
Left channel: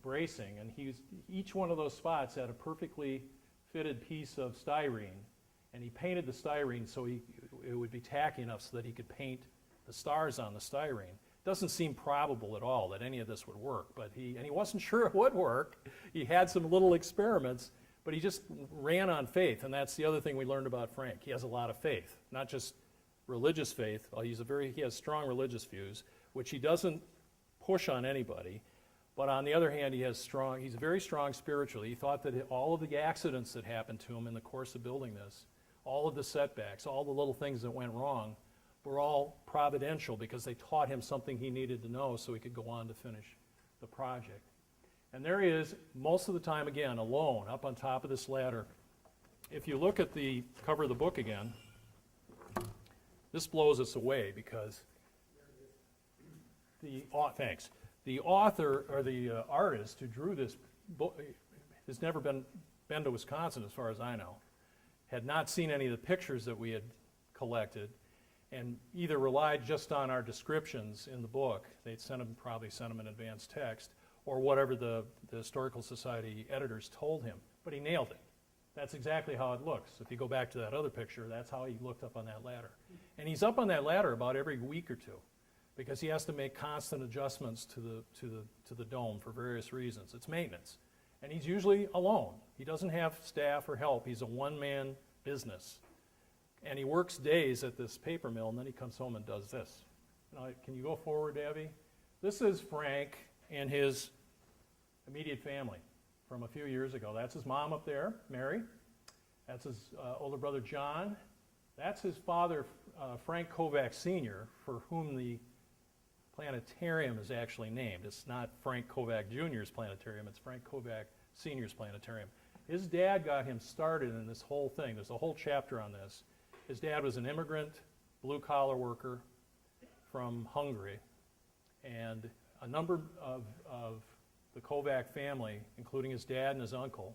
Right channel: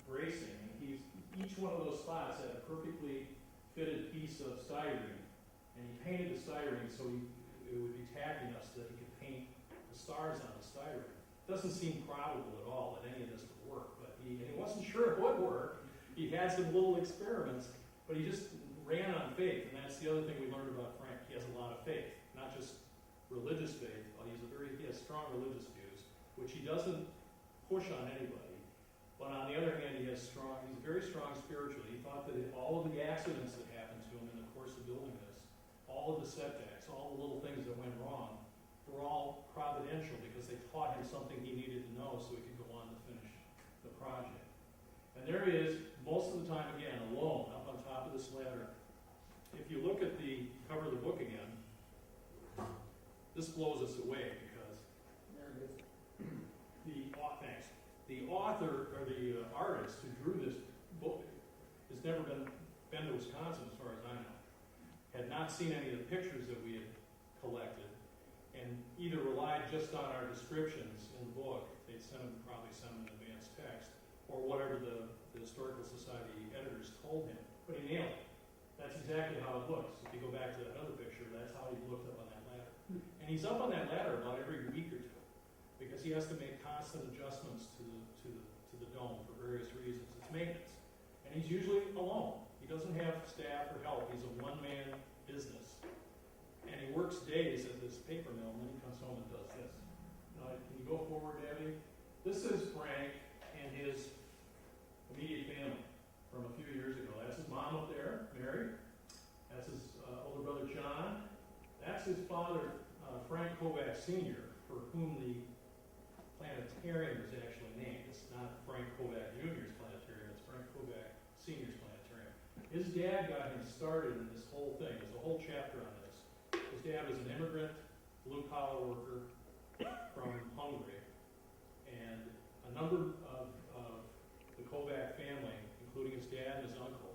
bracing, and each one of those spots had a perfectly fitted piece of styrene, and he painted the styrene so it would be tacky enough so that he could paint the stars on the styrene. Doesn't seem probable at all that any of this would work, but he wasn't sure it would work. He had some little experiments, but he just ran on faith, and that's the other thing we learned about Frank. He has a lot of faith, not just religious faith. Well, he has strong religious views, which he doesn't push on anybody. But on the other hand, he's very strong spiritually. He thought that all of the accidents that happened to him in the course of building this, all of the setbacks, all the little things that went wrong, were all providential because they taught him something he needed to know so he could go on to finish the project. And there he is, most of the time, again, alone, up on top of this ladder. If you look at the cover of the book again, this blows us away because the author, or the artist who drew this book has never been to Wisconsin, as far as I know, had not seen any of the pictures that we had collected, and either relied just on our descriptions in the book. They'd probably sent him in advance text, or whatever the Historical Society editors told him. But he nailed it. That's exactly how it looks. If you go back to that other picture, that's how he looked up on that ladder. And he's up on that ladder about every week or two, because he has to make constant adjustments to the dome for various reasons. It's maintenance. And he's usually alone. He doesn't have staff or help. He's a one-man business. And he works days at this paper mill, and then he comes home and does this. Can you go forward, Abby? This is Frank and his immediate family from a few years ago. That's his mom up there, Mary. That's his older brother, John. That's his father, Frank Kovac Sr., for whom the planetarium is actually named. It's not Frank Kovac Jr.'s planetarium, it's Frank Kovac Sr.'s planetarium. His dad got him started in this whole thing. There's a whole chapter on this. His dad was an immigrant, blue-collar worker from Hungary, and a number of the Kovac family, including his dad and his uncle,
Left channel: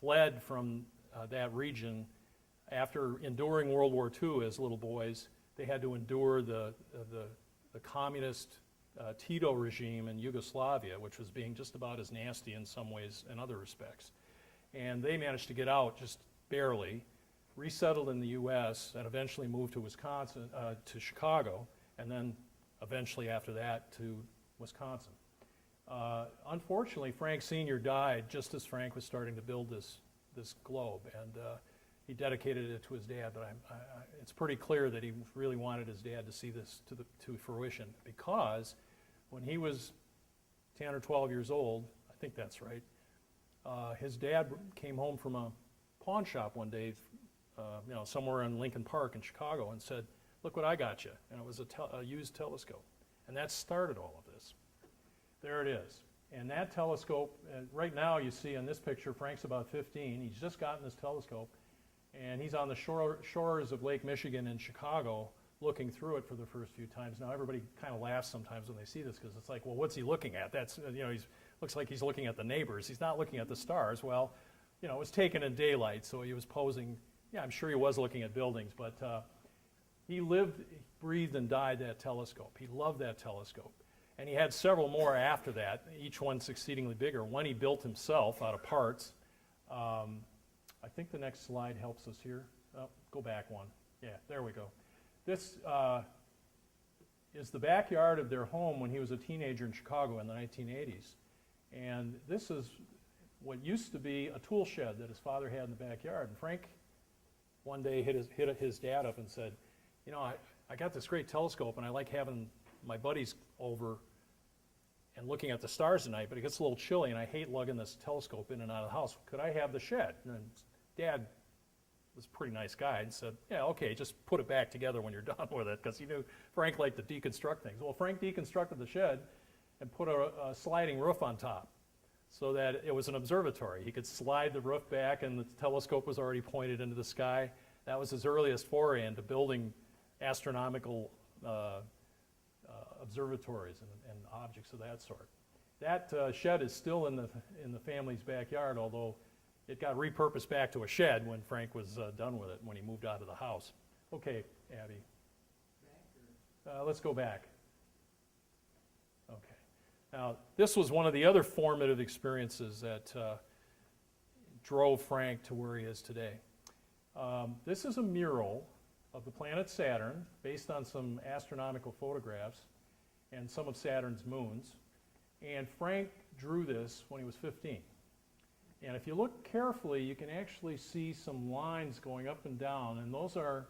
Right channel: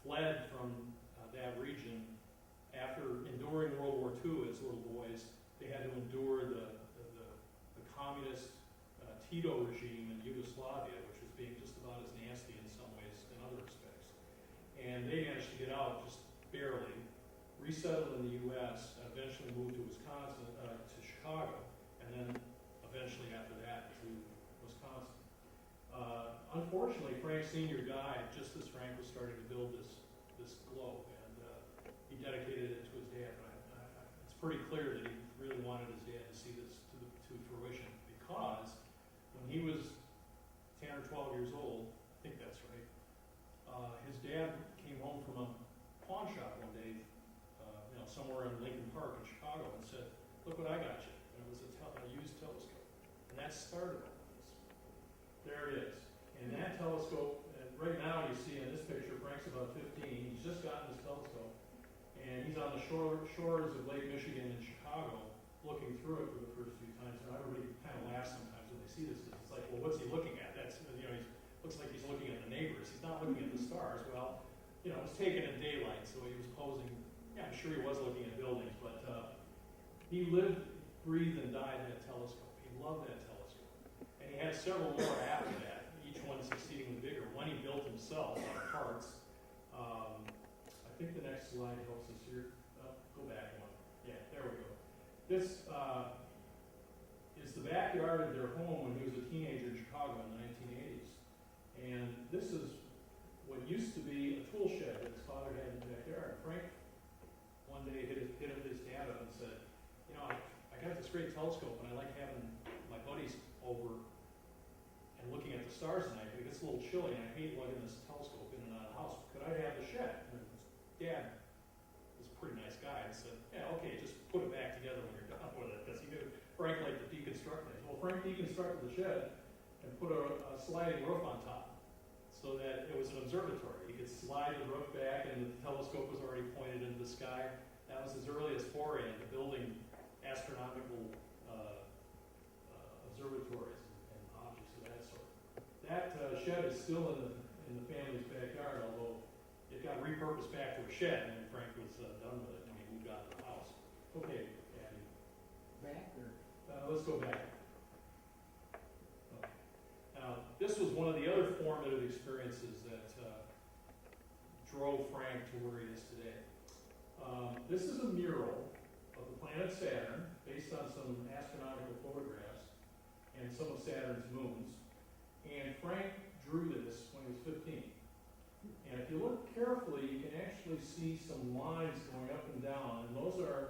fled from that region after enduring World War II as little boys. They had to endure the communist Tito regime in Yugoslavia, which was being just about as nasty in some ways in other respects. And they managed to get out just barely, resettled in the U.S. and eventually moved to Wisconsin, to Chicago, and then eventually after that to Wisconsin. Unfortunately, Frank Sr. died just as Frank was starting to build this globe, and he dedicated it to his dad, but it's pretty clear that he really wanted his dad to see this to fruition, because when he was 10 or 12 years old, I think that's right, his dad came home from a pawn shop one day, somewhere in Lincoln Park in Chicago, and said, "Look what I got you," and it was a used telescope, and that started all of this. There it is, and that telescope, right now you see in this picture, Frank's about 15, he's just gotten this telescope, and he's on the shores of Lake Michigan in Chicago, looking through it for the first few times. Now everybody kind of laughs sometimes when they see this, because it's like, well, what's he looking at? That's, he looks like he's looking at the neighbors. He's not looking at the stars. Well, it was taken in daylight, so he was posing. Yeah, I'm sure he was looking at buildings, but he lived, breathed, and died that telescope. He loved that telescope. And he had several more after that, each one exceedingly bigger. One he built himself out of parts. I think the next slide helps us here. Go back one. Yeah, there we go. This is the backyard of their home when he was a teenager in Chicago in the 1980s. And this is what used to be a tool shed that his father had in the backyard. And Frank one day hit his dad up and said, I got this great telescope, and I like having my buddies over and looking at the stars at night, but it gets a little chilly, and I hate lugging this telescope in and out of the house. Could I have the shed? And Dad was a pretty nice guy and said, yeah, okay, just put it back together when you're done with it, because he knew Frank liked to deconstruct things. Well, Frank deconstructed the shed and put a sliding roof on top so that it was an observatory. He could slide the roof back, and the telescope was already pointed into the sky. That was his earliest foray into building astronomical observatories and objects of that sort. That shed is still in the family's backyard, although it got repurposed back to a shed when Frank was done with it, when he moved out of the house. Okay, Abby. Back or? Let's go back. Okay. Now, this was one of the other formative experiences that drove Frank to where he is today. This is a mural of the planet Saturn, based on some astronomical photographs and some of Saturn's moons. And Frank drew this when he was 15. And if you look carefully, you can actually see some lines going up and down, and those are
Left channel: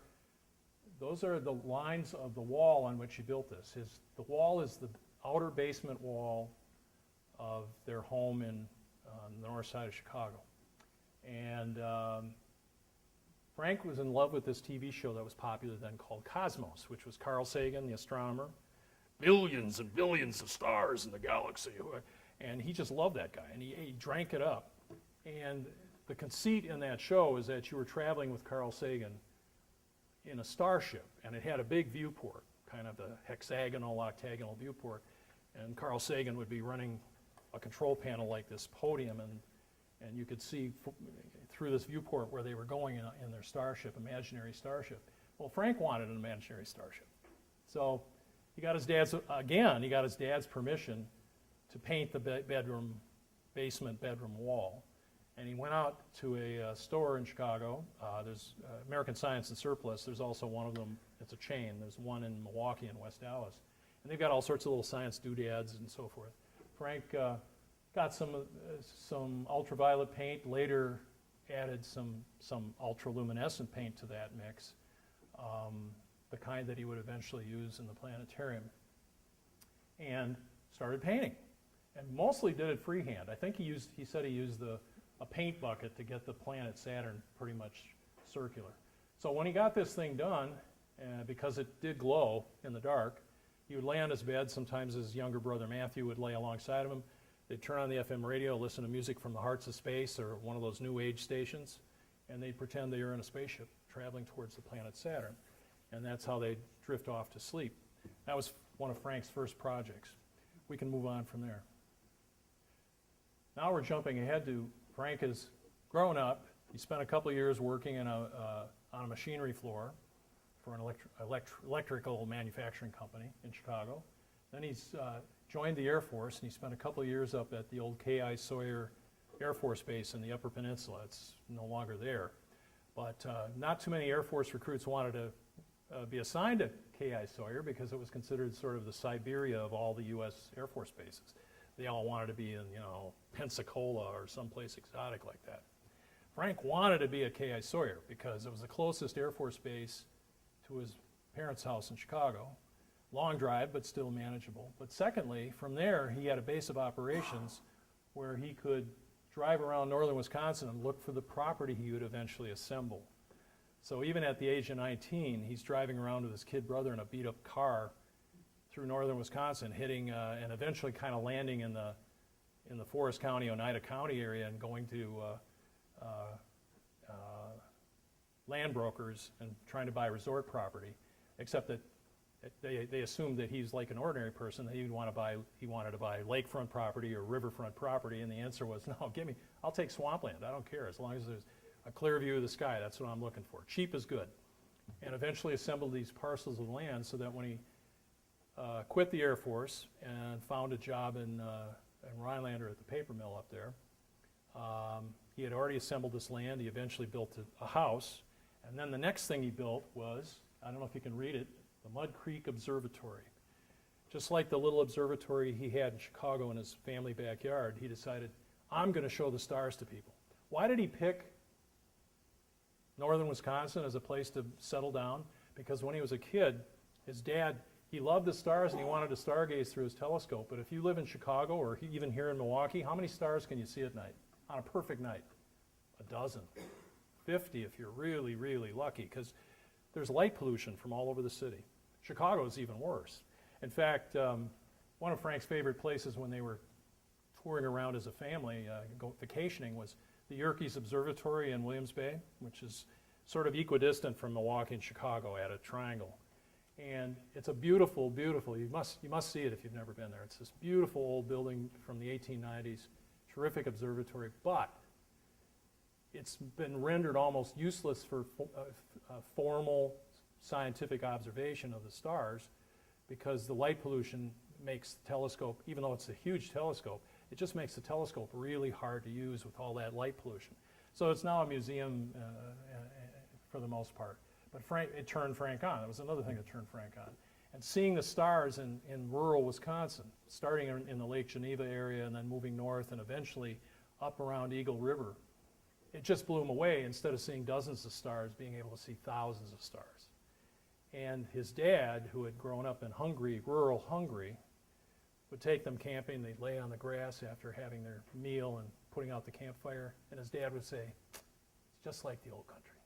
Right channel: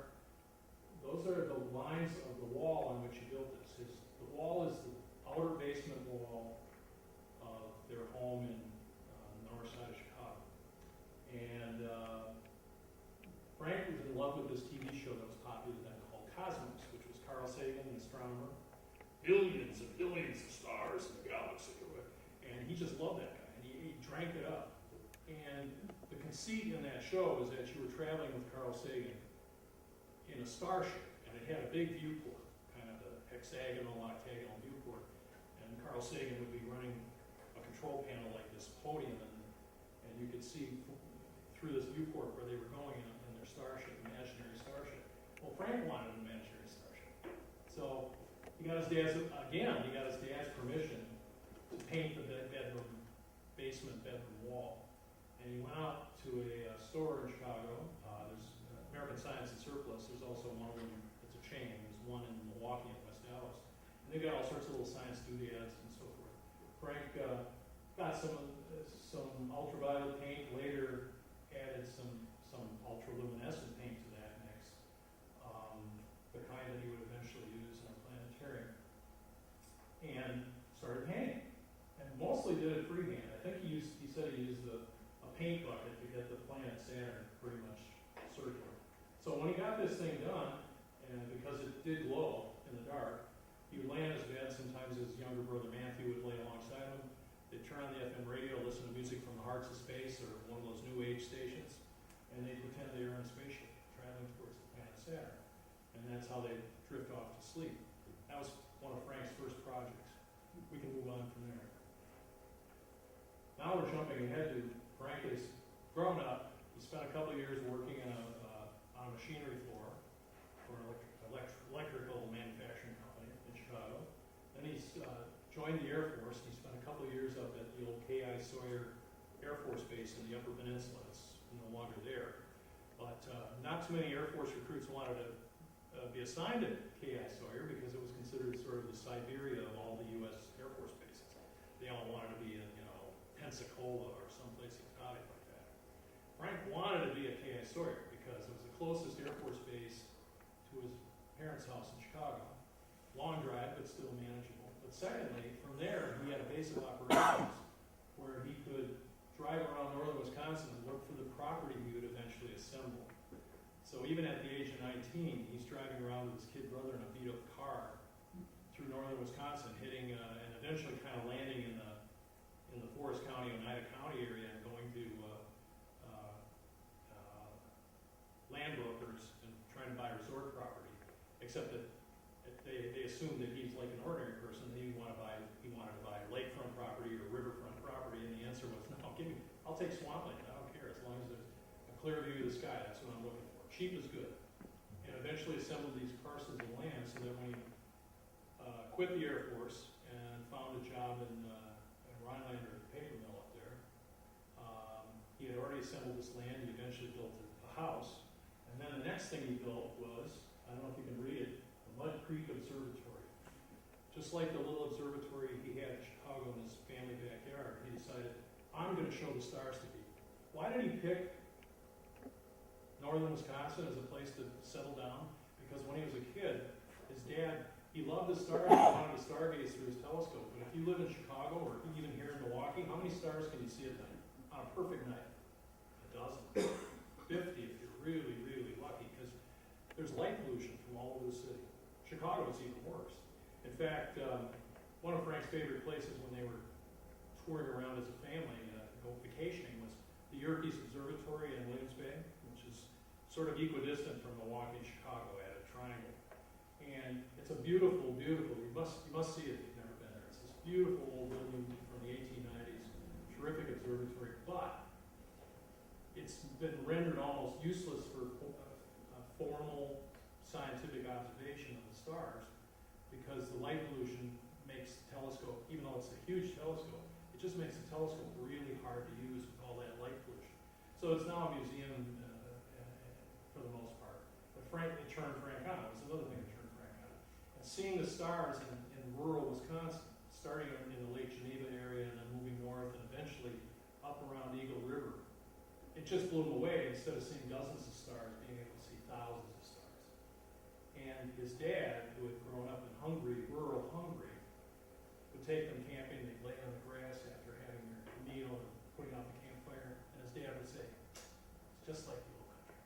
the lines of the wall on which he built this. The wall is the outer basement wall of their home in the north side of Chicago. And Frank was in love with this TV show that was popular then called Cosmos, which was Carl Sagan, the astronomer. Billions and billions of stars in the galaxy. And he just loved that guy, and he drank it up. And the conceit in that show is that you were traveling with Carl Sagan in a starship, and it had a big viewport, kind of the hexagonal, octagonal viewport. And Carl Sagan would be running a control panel like this podium, and you could see through this viewport where they were going in their starship, imaginary starship. Well, Frank wanted an imaginary starship. So he got his dad's permission to paint the basement bedroom wall. And he went out to a store in Chicago. There's American Science and Surplus. There's also one of them, it's a chain. There's one in Milwaukee and West Dallas. And they've got all sorts of little science doodads and so forth. Frank got some ultraviolet paint, later added some ultroluminescent paint to that mix, the kind that he would eventually use in the planetarium, and started painting. And mostly did it freehand. I think he said he used a paint bucket to get the planet Saturn pretty much circular. So when he got this thing done, because it did glow in the dark, he would lay on his bed. Sometimes his younger brother Matthew would lay alongside of him. They'd turn on the FM radio, listen to music from the Hearts of Space or one of those new age stations, and they'd pretend they were in a spaceship traveling towards the planet Saturn. And that's how they'd drift off to sleep. That was one of Frank's first projects. We can move on from there. Now we're jumping ahead to Frank has grown up. He spent a couple of years working on a machinery floor for an electrical manufacturing company in Chicago. Then he's joined the Air Force, and he spent a couple of years up at the old K.I. Sawyer Air Force Base in the Upper Peninsula. It's no longer there. But not too many Air Force recruits wanted to be assigned to K.I. Sawyer because it was considered sort of the Siberia of all the U.S. Air Force bases. They all wanted to be in, Pensacola or someplace exotic like that. Frank wanted to be a K.I. Sawyer because it was the closest Air Force base to his parents' house in Chicago. Long drive, but still manageable. But secondly, from there, he had a base of operations where he could drive around northern Wisconsin and look for the property he would eventually assemble. So even at the age of 19, he's driving around with his kid brother in a beat-up car through northern Wisconsin, hitting and eventually kind of landing in the Forest County, Oneida County area, and going to land brokers and trying to buy resort property. Except that they assumed that he's like an ordinary person. That he wanted to buy lakefront property or riverfront property, and the answer was no. I'll take swampland. I don't care as long as there's a clear view of the sky. That's what I'm looking for. Cheap is good. And eventually assembled these parcels of land so that when he quit the Air Force and found a job in Rhinelander at the paper mill up there, he had already assembled this land. He eventually built a house. And then the next thing he built was, I don't know if you can read it, the Mud Creek Observatory. Just like the little observatory he had in Chicago in his family backyard, he decided, I'm going to show the stars to people. Why did he pick northern Wisconsin as a place to settle down? Because when he was a kid, his dad, he loved the stars and he wanted to stargaze through his telescope. But if you live in Chicago or even here in Milwaukee, how many stars can you see at night? On a perfect night? A dozen. 50 if you're really, really lucky, because there's light pollution from all over the city. Chicago is even worse. In fact, one of Frank's favorite places when they were touring around as a family, vacationing, was the Yerkes Observatory in Williams Bay, which is sort of equidistant from Milwaukee and Chicago at a triangle. And it's a beautiful, beautiful, you must see it if you've never been there. It's this beautiful old building from the 1890s, terrific observatory, but it's been rendered almost useless for formal scientific observation of the stars because the light pollution makes the telescope, even though it's a huge telescope, it just makes the telescope really hard to use with all that light pollution. So it's now a museum for the most part. But it turned Frank on. It was another thing that turned Frank on. And seeing the stars in rural Wisconsin, starting in the Lake Geneva area and then moving north and eventually up around Eagle River, it just blew him away. Instead of seeing dozens of stars, being able to see thousands of stars. And his dad, who had grown up in Hungary, rural Hungary, would take them camping. They'd lay on the grass after having their meal and putting out the campfire. And his dad would say, it's just like the old country.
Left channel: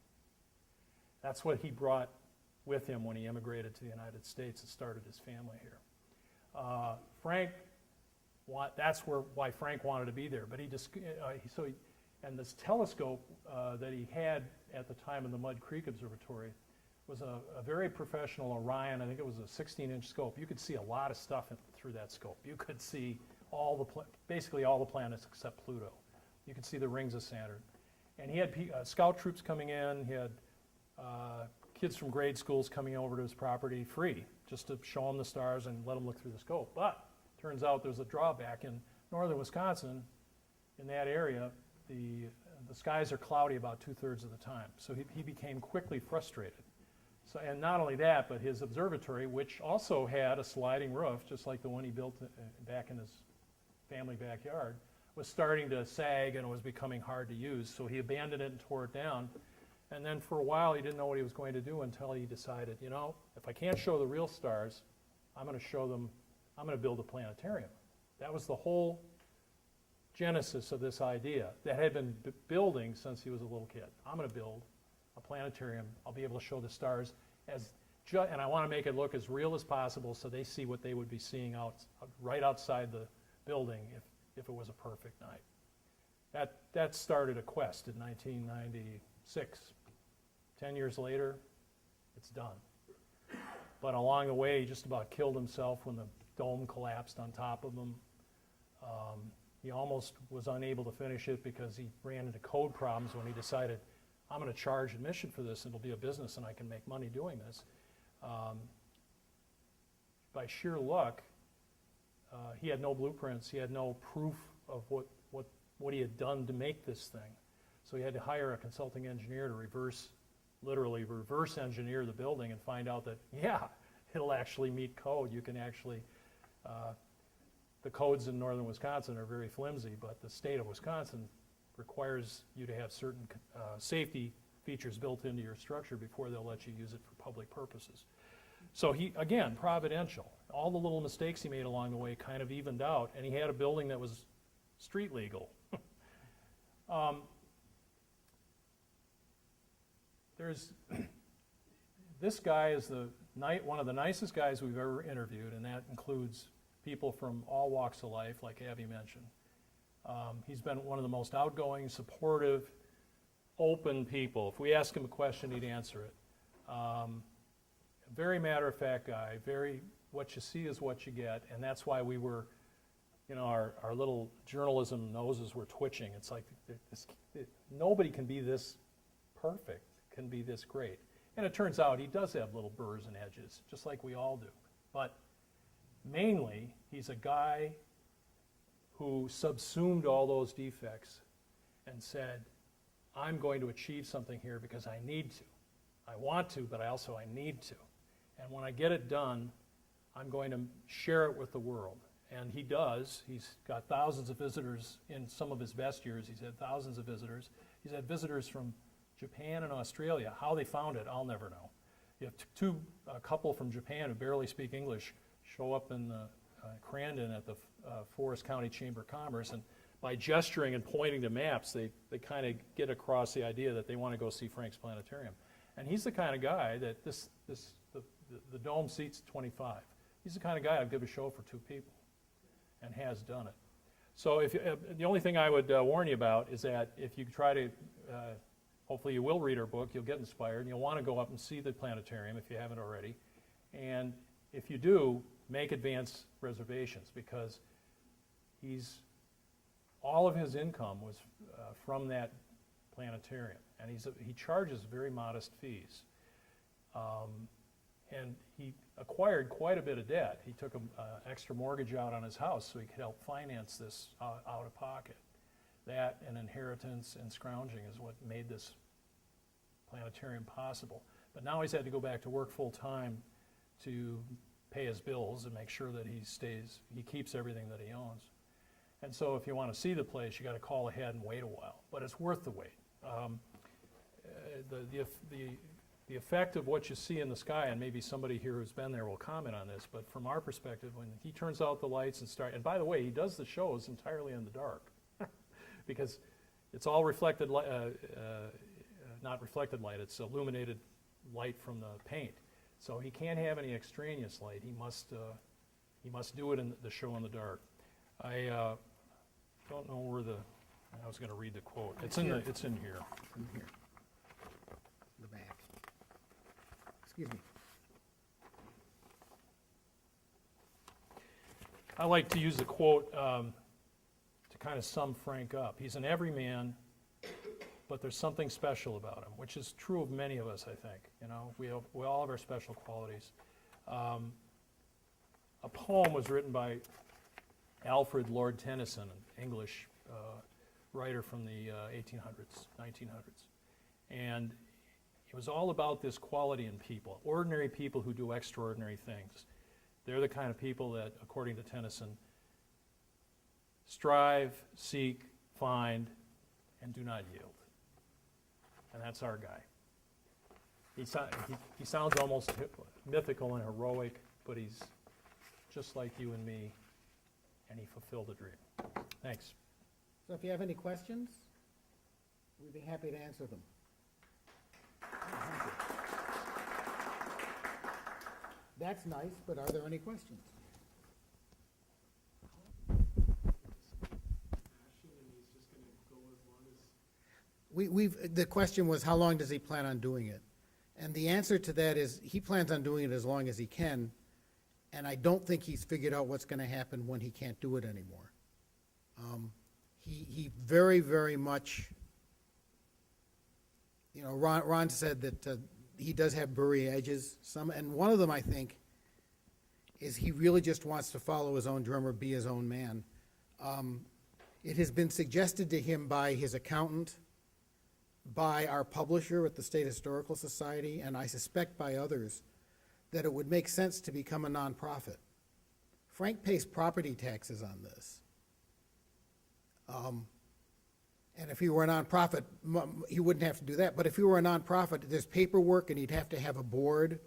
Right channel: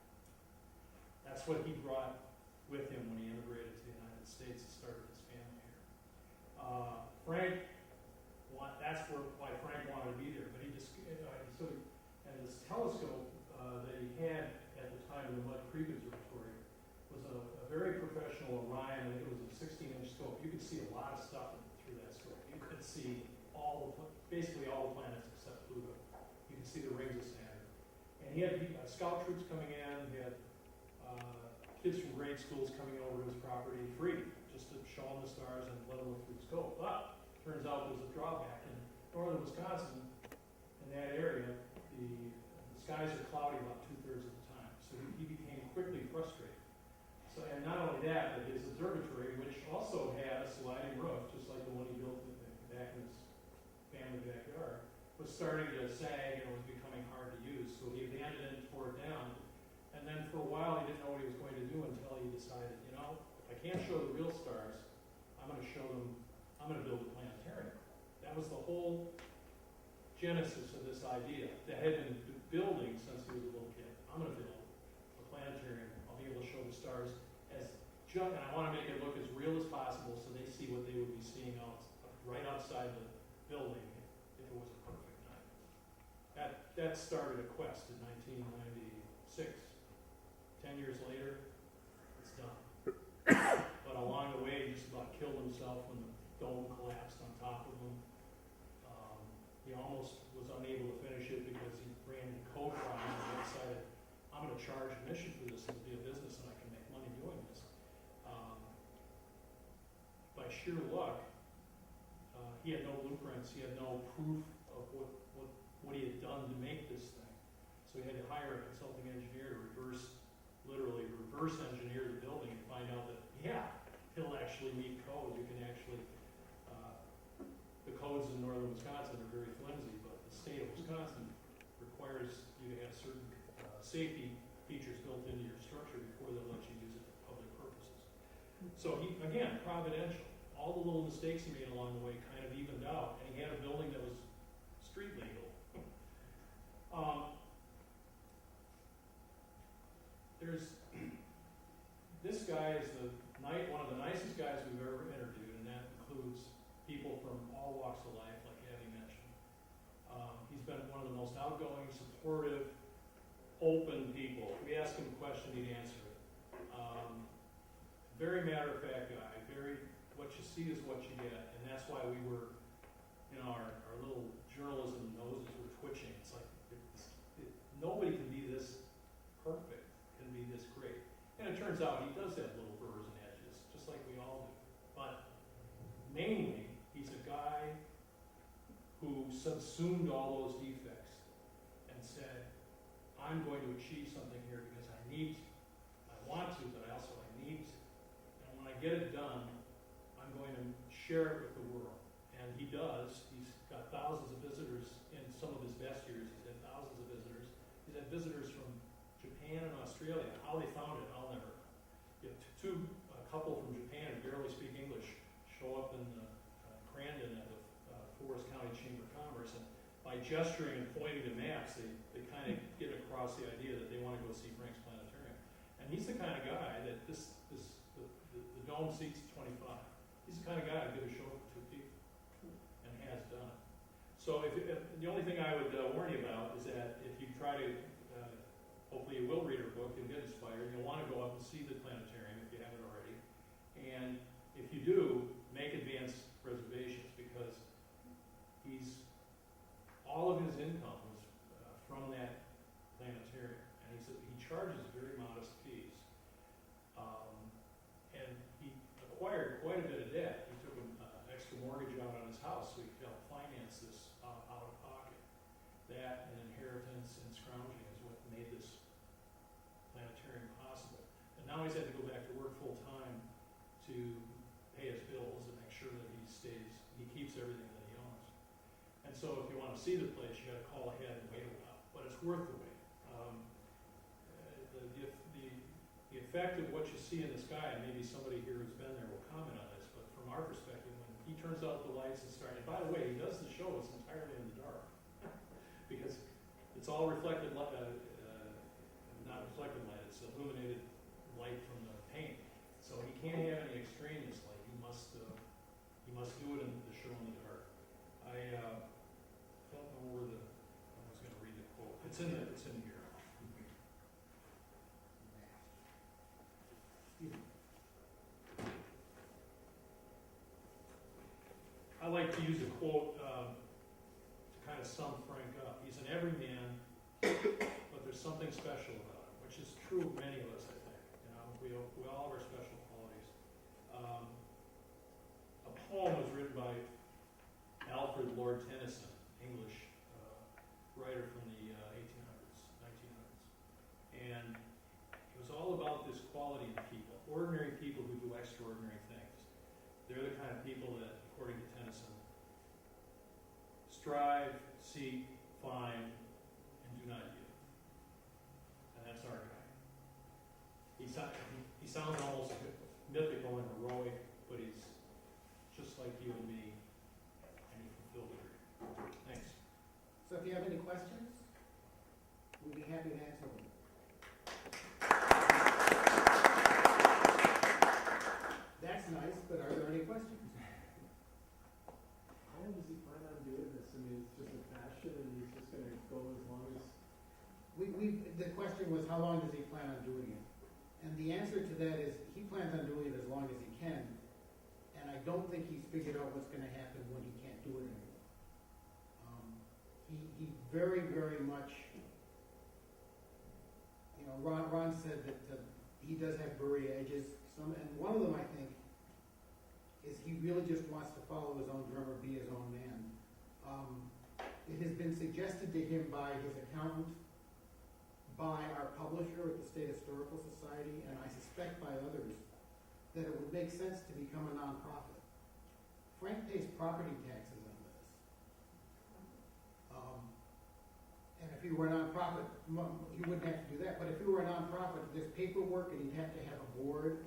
That's what he brought with him when he immigrated to the United States and started his family here. That's why Frank wanted to be there. But and this telescope that he had at the time in the Mud Creek Observatory was a very professional Orion. I think it was a 16-inch scope. You could see a lot of stuff through that scope. You could see basically all the planets except Pluto. You could see the rings of Saturn. And he had scout troops coming in. He had kids from grade schools coming over to his property free, just to show them the stars and let them look through the scope. But turns out there's a drawback. In northern Wisconsin, in that area, the skies are cloudy about 2/3 of the time. So he became quickly frustrated. So, and not only that, but his observatory, which also had a sliding roof, just like the one he built back in his family backyard, was starting to sag and it was becoming hard to use. So he abandoned it and tore it down. And then for a while, he didn't know what he was going to do until he decided, if I can't show the real stars, I'm going to build a planetarium. That was the whole genesis of this idea that had been building since he was a little kid. I'm going to build a planetarium. I'll be able to show the stars and I want to make it look as real as possible so they see what they would be seeing right outside the building if it was a perfect night. That started a quest in 1996. 10 years later, it's done. But along the way, he just about killed himself when the dome collapsed on top of him. He almost was unable to finish it because he ran into code problems when he decided, I'm going to charge admission for this and it'll be a business and I can make money doing this. By sheer luck, he had no blueprints, he had no proof of what he had done to make this thing. So he had to hire a consulting engineer to literally reverse engineer the building and find out that, yeah, it'll actually meet code. You can actually, the codes in northern Wisconsin are very flimsy, but the state of Wisconsin requires you to have certain safety features built into your structure before they'll let you use it for public purposes. So he, again, providential. All the little mistakes he made along the way kind of evened out, and he had a building that was street legal. This guy is one of the nicest guys we've ever interviewed, and that includes people from all walks of life, like Abby mentioned. He's been one of the most outgoing, supportive, open people. If we ask him a question, he'd answer it. Very matter-of-fact guy, what you see is what you get, and that's why we were, our little journalism noses were twitching. It's like, nobody can be this perfect, can be this great. And it turns out he does have little burrs and edges, just like we all do. But mainly, he's a guy who subsumed all those defects and said, I'm going to achieve something here because I need to. I want to, but I need to. And when I get it done, I'm going to share it with the world. And he does. He's got thousands of visitors. In some of his best years, he's had thousands of visitors. He's had visitors from Japan and Australia. How they found it, I'll never know. You have a couple from Japan who barely speak English show up in Crandon at the Forest County Chamber of Commerce, and by gesturing and pointing to maps, they kind of get across the idea that they want to go see Frank's Planetarium. And he's the kind of guy that the dome seats 25. He's the kind of guy I'd give a show for 2 people, and has done it. So the only thing I would warn you about is that if you try to, hopefully you will read our book, you'll get inspired, and you'll want to go up and see the planetarium if you haven't already. And if you do, make advance reservations, because all of his income was from that planetarium, and he charges very modest fees. And he acquired quite a bit of debt. He took an extra mortgage out on his house so he could help finance this out of pocket. That and inheritance and scrounging is what made this planetarium possible. But now he's had to go back to work full time to pay his bills and make sure that he keeps everything that he owns. And so if you want to see the place, you got to call ahead and wait a while, but it's worth the wait. The effect of what you see in the sky, and maybe somebody here who's been there will comment on this, but from our perspective, when he turns out the lights and by the way, he does the shows entirely in the dark, because it's all reflected, not reflected light, it's illuminated light from the paint. So he can't have any extraneous light. He must do it in the show in the dark. I don't know where I was going to read the quote. It's in here. The back. Excuse me. I like to use the quote to kind of sum Frank up. He's an everyman, but there's something special about him, which is true of many of us, I think. We all have our special qualities. A poem was written by Alfred Lord Tennyson, an English writer from the 1800s, 1900s. And it was all about this quality in people, ordinary people who do extraordinary things. They're the kind of people that, according to Tennyson, strive, seek, find, and do not yield. And that's our guy. He sounds almost mythical and heroic, but he's just like you and me, and he fulfilled a dream. Thanks. So if you have any questions, we'd be happy to answer them. That's nice, but are there any questions? How long does he plan on doing this? I mean, just a passion, and he's just going to go as long as... The question was, how long does he plan on doing it? And the answer to that is, he plans on doing it as long as he can, and I don't think he's figured out what's going to happen when he can't do it anymore. He very, very much, Ron said that he does have burry edges, and one of them, I think, is he really just wants to follow his own drummer, be his own man. It has been suggested to him by his accountant by our publisher at the State Historical Society, and I suspect by others, that it would make sense to become a nonprofit. Frank pays property taxes on this. And if he were a nonprofit, he wouldn't have to do that. But if he were a nonprofit, there's paperwork and he'd have to have a board.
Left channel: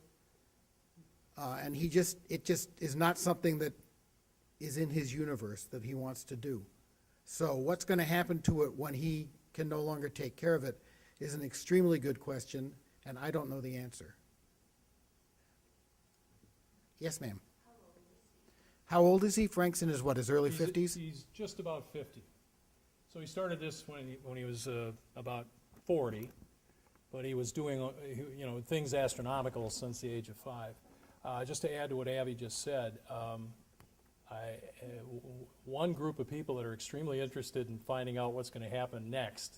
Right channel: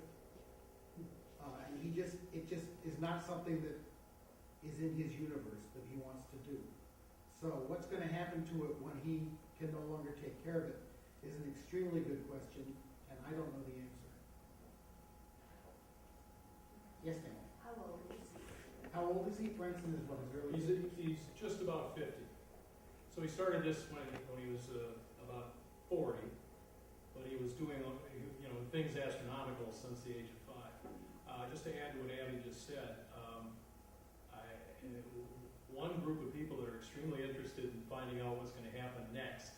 And it just is not something that is in his universe that he wants to do. So what's gonna happen to it when he can no longer take care of it is an extremely good question, and I don't know the answer. Yes, ma'am. How old is he? Frank's in his, what, his early 50s? He's just about 50. So he started this when he was about 40, but he was doing, things astronomical since the age of 5. Just to add to what Abby just said, one group of people that are extremely interested in finding out what's going to happen next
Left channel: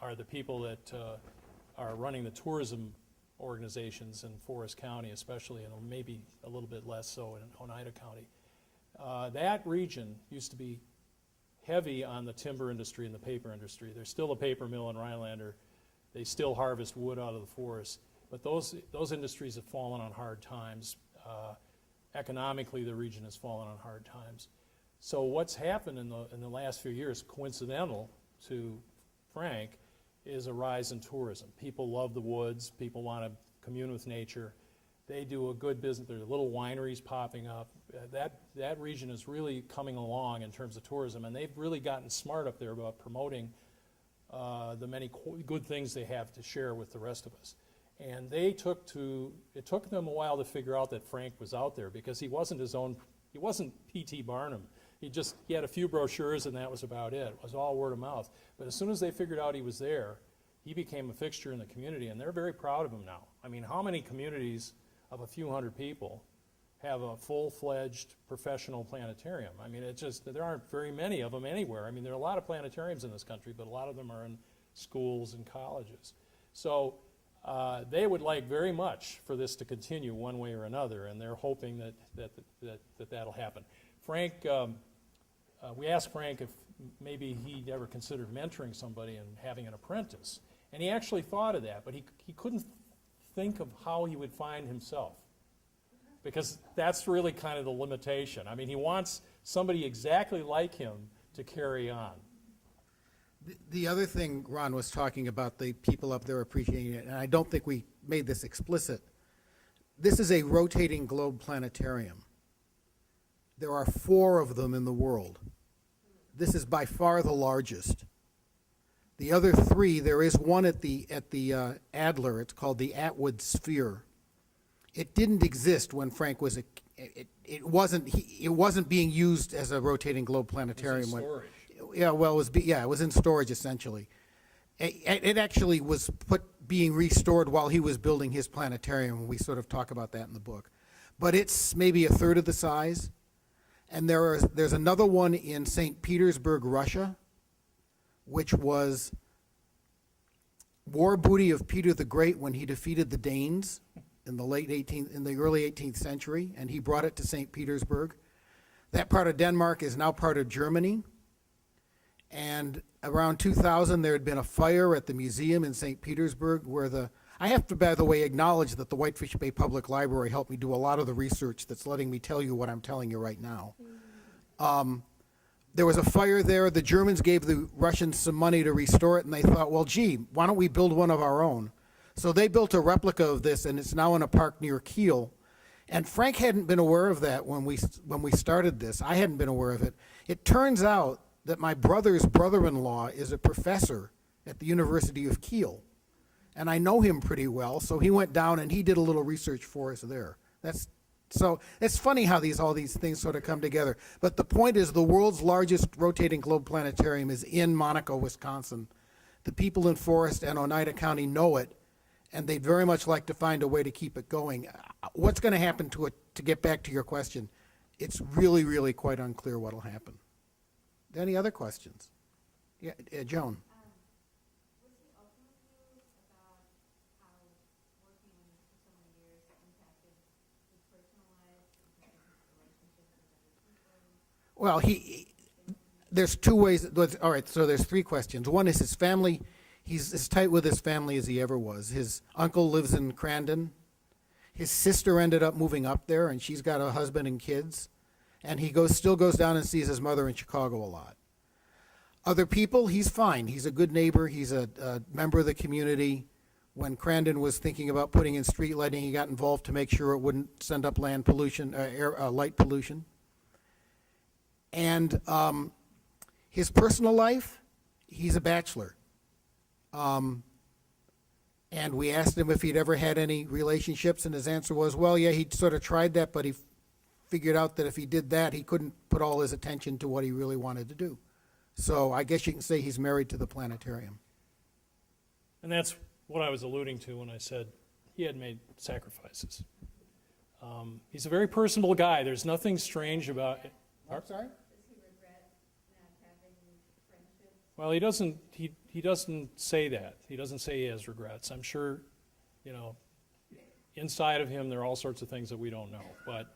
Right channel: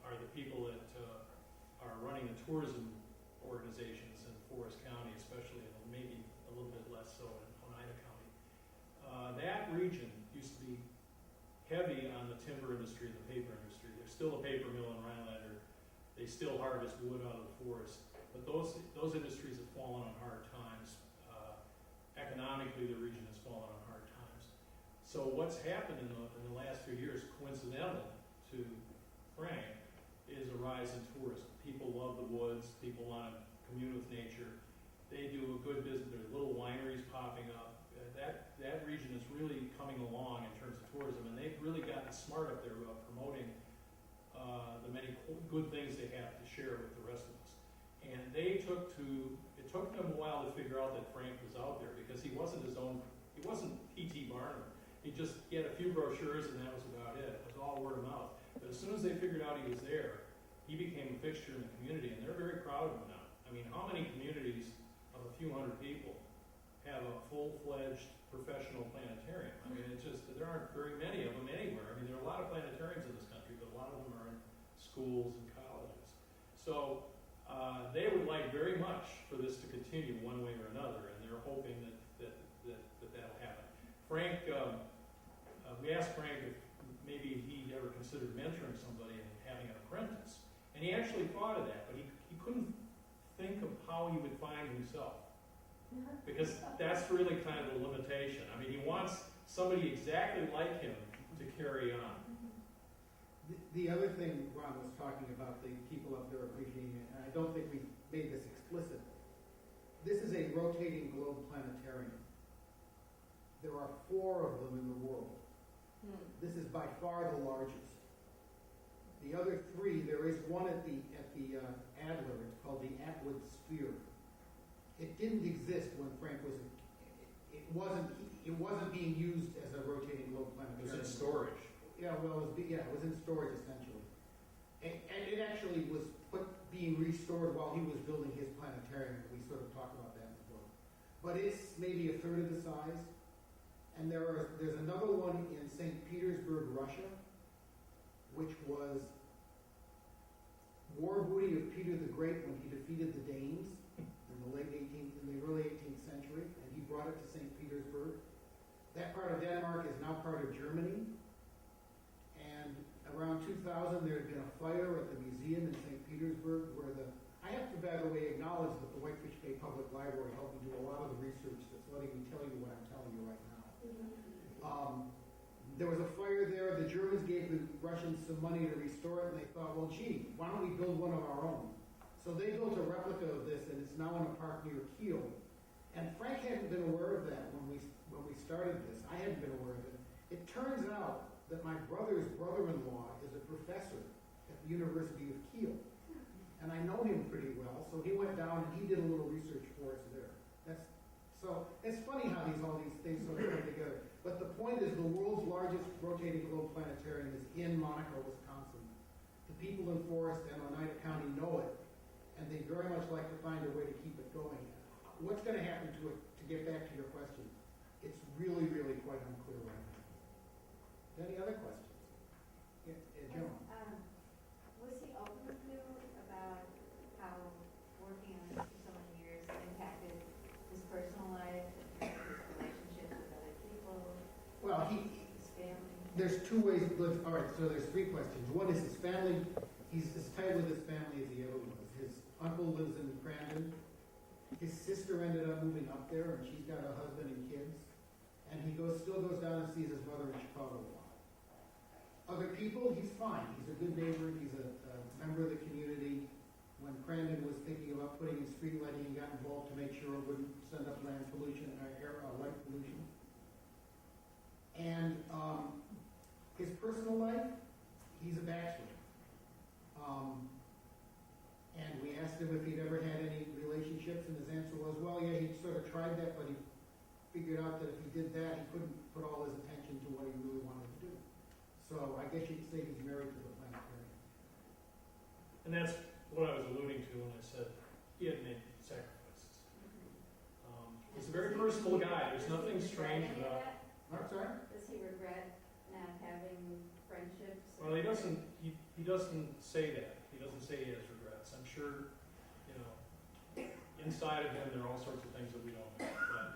are the people that are running the tourism organizations in Forest County especially, and maybe a little bit less so in Oneida County. That region used to be heavy on the timber industry and the paper industry. There's still a paper mill in Rhinelander. They still harvest wood out of the forest. But those industries have fallen on hard times. Economically, the region has fallen on hard times. So what's happened in the last few years, coincidental to Frank, is a rise in tourism. People love the woods. People want to commune with nature. They do a good business. There's little wineries popping up. That region is really coming along in terms of tourism, and they've really gotten smart up there about promoting the many good things they have to share with the rest of us. And it took them a while to figure out that Frank was out there, because he wasn't P.T. Barnum. He had a few brochures and that was about it. It was all word of mouth. But as soon as they figured out he was there, he became a fixture in the community, and they're very proud of him now. I mean, how many communities of a few hundred people have a full-fledged professional planetarium? I mean, there aren't very many of them anywhere. I mean, there are a lot of planetariums in this country, but a lot of them are in schools and colleges. So they would like very much for this to continue one way or another, and they're hoping that'll happen. Frank, we asked Frank if maybe he'd ever considered mentoring somebody and having an apprentice, and he actually thought of that, but he couldn't think of how he would find himself, because that's really kind of the limitation. I mean, he wants somebody exactly like him to carry on. The other thing Ron was talking about, the people up there appreciating it, and I don't think we made this explicit. This is a rotating globe planetarium. There are 4 of them in the world. This is by far the largest. The other 3, there is one at the Adler. It's called the Atwood Sphere. It didn't exist when Frank was it wasn't being used as a rotating globe planetarium. It's in storage. Yeah, well, it was in storage essentially. It actually was being restored while he was building his planetarium, and we sort of talk about that in the book. But it's maybe a third of the size. And there's another one in St. Petersburg, Russia, which was war booty of Peter the Great when he defeated the Danes in the early 18th century, and he brought it to St. Petersburg. That part of Denmark is now part of Germany. And around 2000, there had been a fire at the museum in St. Petersburg where I have to, by the way, acknowledge that the Whitefish Bay Public Library helped me do a lot of the research that's letting me tell you what I'm telling you right now. There was a fire there. The Germans gave the Russians some money to restore it, and they thought, well, gee, why don't we build one of our own? So they built a replica of this, and it's now in a park near Kiel. And Frank hadn't been aware of that when we started this. I hadn't been aware of it. It turns out that my brother's brother-in-law is a professor at the University of Kiel. And I know him pretty well, so he went down and he did a little research for us there. So it's funny how all these things sort of come together. But the point is, the world's largest rotating globe planetarium is in Monaco, Wisconsin. The people in Forest and Oneida County know it, and they'd very much like to find a way to keep it going. What's going to happen to it, to get back to your question, it's really, really quite unclear what will happen. Any other questions? Yeah, Joan. What's the ultimate view about how working on this for so many years impacted his personal life and his relationships with other people? Well, his family? There's two ways, all right, so there's three questions. One is his family, he's as tight with his family as he ever was. His uncle lives in Crandon. His sister ended up moving up there, and she's got a husband and kids. And he still goes down and sees his mother in Chicago a lot. Other people, he's fine. He's a good neighbor. He's a member of the community. When Crandon was thinking about putting in street lighting, he got involved to make sure it wouldn't send up land pollution, light pollution. And his personal life, he's a bachelor. And we asked him if he'd ever had any relationships, and his answer was, well, yeah, he'd sort of tried that, but he figured out that if he did that, he couldn't put all his attention to what he really wanted to do. So I guess you can say he's married to the planetarium. And that's what I was alluding to when I said he had made sacrifices. He's a very personable guy. There's nothing strange about it. I'm sorry? Does he regret not having friendships? Well, he doesn't say that. He doesn't say he has regrets. I'm sure, inside of him there are all sorts of things that we don't know. But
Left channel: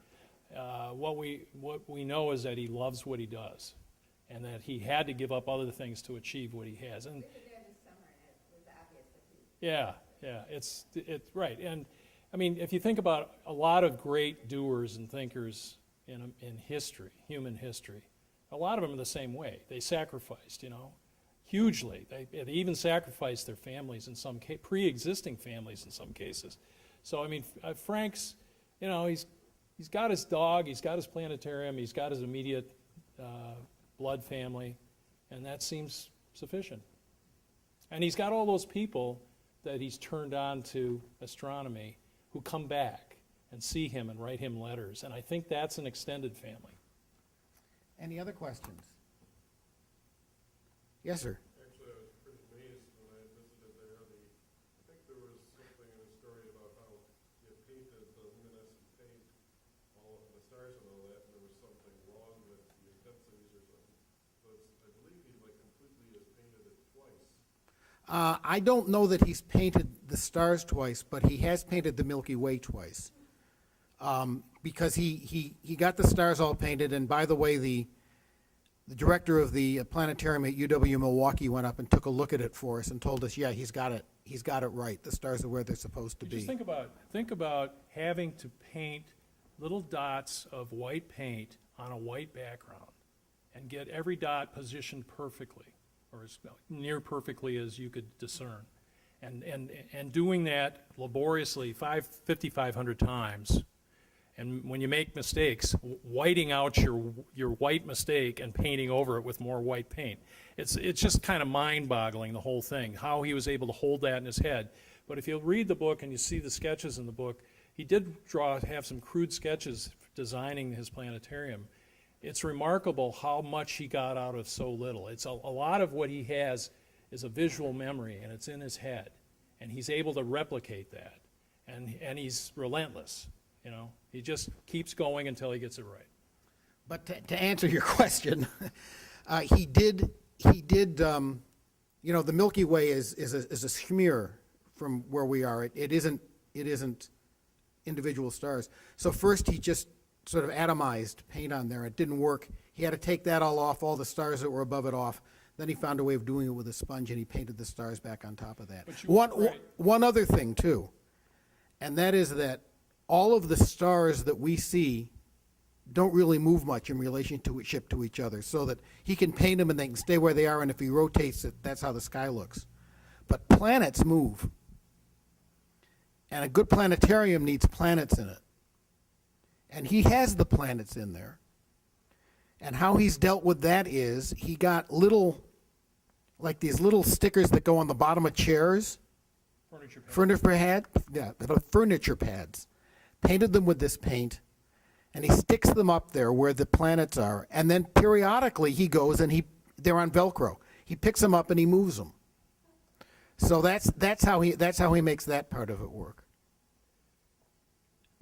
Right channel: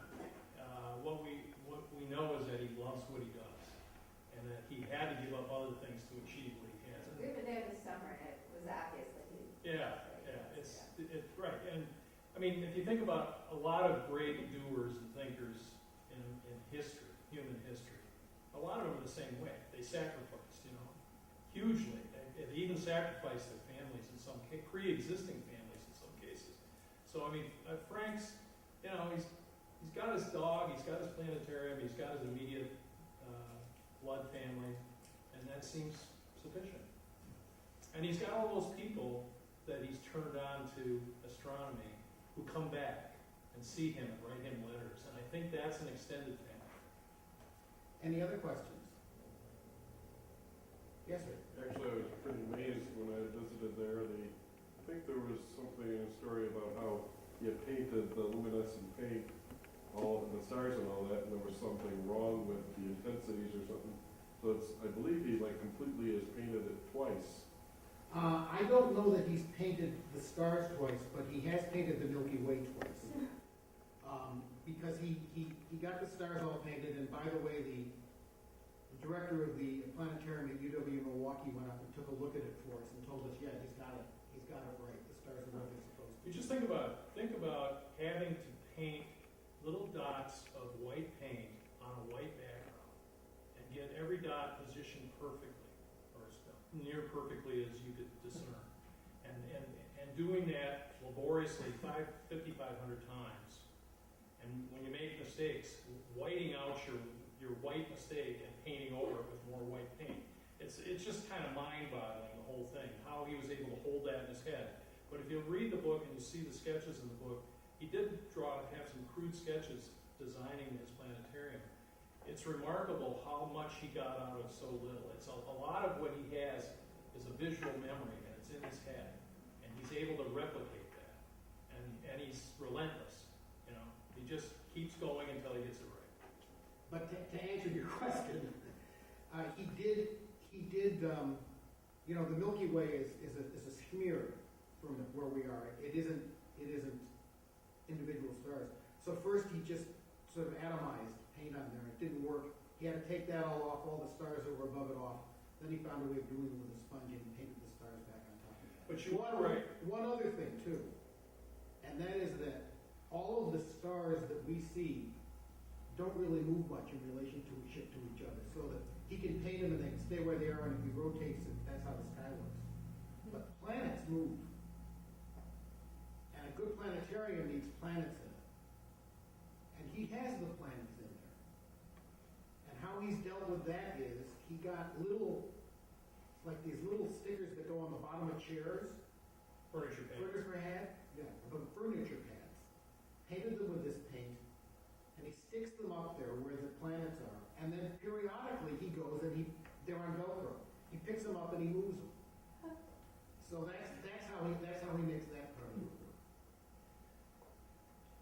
what we know is that he loves what he does, and that he had to give up other things to achieve what he has. And Clear day of the summer, it was obvious that he. yeah, it's right. And I mean, if you think about a lot of great doers and thinkers in history, human history, a lot of them are the same way. They sacrificed, hugely. They even sacrificed their families in some pre-existing families in some cases. So I mean, Frank's, he's got his dog, he's got his planetarium, he's got his immediate blood family, and that seems sufficient. And he's got all those people that he's turned on to astronomy who come back and see him and write him letters, and I think that's an extended family. Any other questions? Yes, sir. Actually, I was pretty amazed when I visited there. I think there was something in a story about how he had painted the luminescent paint, all the stars and all that, and there was something wrong with the intensities or something. So I believe he completely has painted it twice. I don't know that he's painted the stars twice, but he has painted the Milky Way twice. Because he got the stars all painted, and by the way, the director of the planetarium at UW Milwaukee went up and took a look at it for us and told us, yeah, he's got it right. The stars are where they're supposed to be. Just think about having to paint little dots of white paint on a white background and get every dot positioned perfectly, or as near perfectly as you could discern. And doing that laboriously 5,500 times. And when you make mistakes, whiting out your white mistake and painting over it with more white paint. It's just kind of mind-boggling, the whole thing, how he was able to hold that in his head. But if you read the book and you see the sketches in the book, he did have some crude sketches designing his planetarium. It's remarkable how much he got out of so little. It's a lot of what he has is a visual memory, and it's in his head. And he's able to replicate that. And he's relentless, He just keeps going until he gets it right. But to answer your question, he did. The Milky Way is a smear from where we are. It isn't individual stars. So first he just sort of atomized paint on there. It didn't work. He had to take that all off, all the stars that were above it off. Then he found a way of doing it with a sponge, and he painted the stars back on top of that. One other thing too, and that is that all of the stars that we see don't really move much in relationship to each other, so that he can paint them and they can stay where they are, and if he rotates it, that's how the sky looks. But planets move. And a good planetarium needs planets in it. And he has the planets in there. And how he's dealt with that is he got these little stickers that go on the bottom of chairs. Furniture pads. Painted them with this paint, and he sticks them up there where the planets are. And then periodically he goes and they're on Velcro. He picks them up and he moves them. So that's how he makes that part of it work.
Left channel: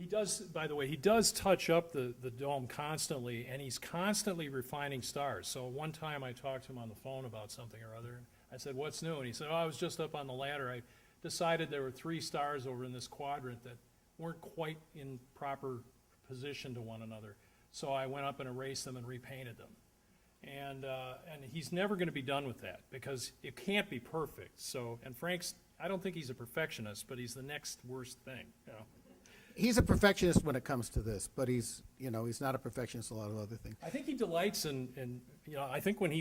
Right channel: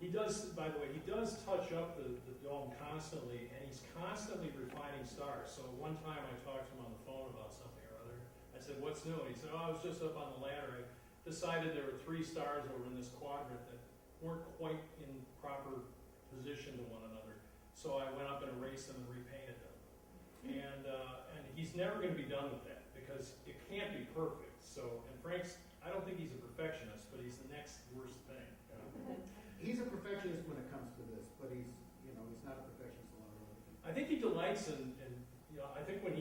He does, by the way, he does touch up the dome constantly, and he's constantly refining stars. So one time I talked to him on the phone about something or other. I said, "What's new?" And he said, "Oh, I was just up on the ladder. I decided there were 3 stars over in this quadrant that weren't quite in proper position to one another. So I went up and erased them and repainted them." And he's never gonna be done with that, because it can't be perfect, so, and Frank's, I don't think he's a perfectionist, but he's the next worst thing, you know? He's a perfectionist when it comes to this, but he's not a perfectionist in a lot of other things. I think he delights in, I think when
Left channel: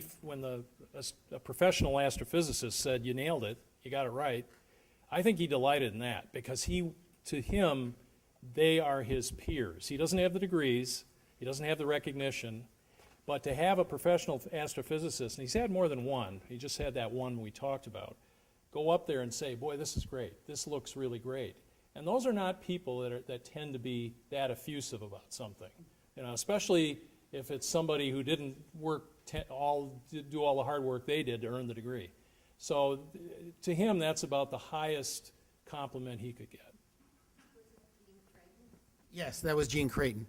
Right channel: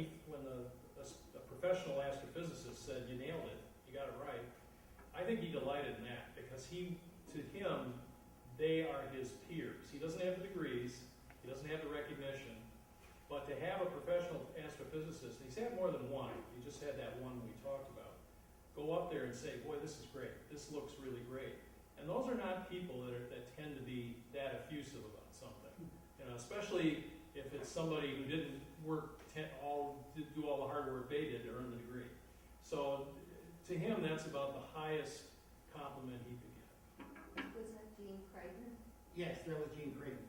a professional astrophysicist said, "You nailed it, you got it right," I think he delighted in that, because to him, they are his peers. He doesn't have the degrees, he doesn't have the recognition, but to have a professional astrophysicist, and he's had more than one, he just had that one we talked about, go up there and say, "Boy, this is great, this looks really great." And those are not people that tend to be that effusive about something, especially if it's somebody who didn't do all the hard work they did to earn the degree. So to him, that's about the highest compliment he could get. Was that Gene Creighton? Yes, that was Gene Creighton.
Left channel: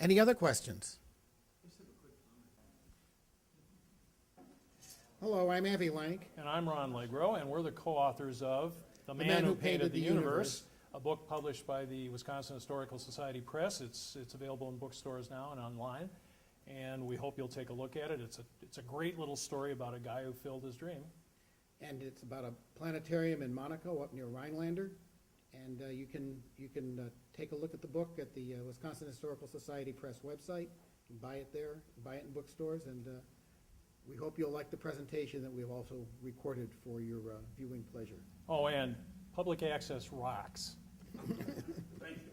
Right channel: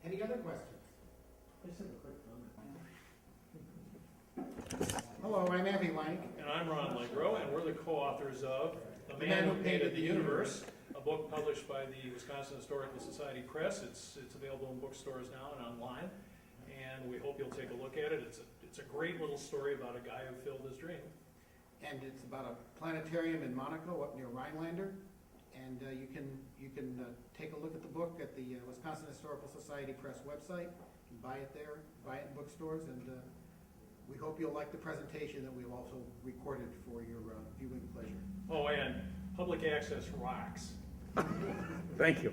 Any other questions? I just have a quick comment. Hello, I'm Avi Lank. And I'm Ron Legro, and we're the co-authors of The Man Who Painted the Universe, a book published by the Wisconsin Historical Society Press. It's available in bookstores now and online, and we hope you'll take a look at it. It's a great little story about a guy who filled his dream. And it's about a planetarium in Monaco up near Rhinelander. And you can take a look at the book at the Wisconsin Historical Society Press website. You can buy it there, buy it in bookstores, and we hope you'll like the presentation that we've also recorded for your viewing pleasure. Oh, and public access rocks. Thank you.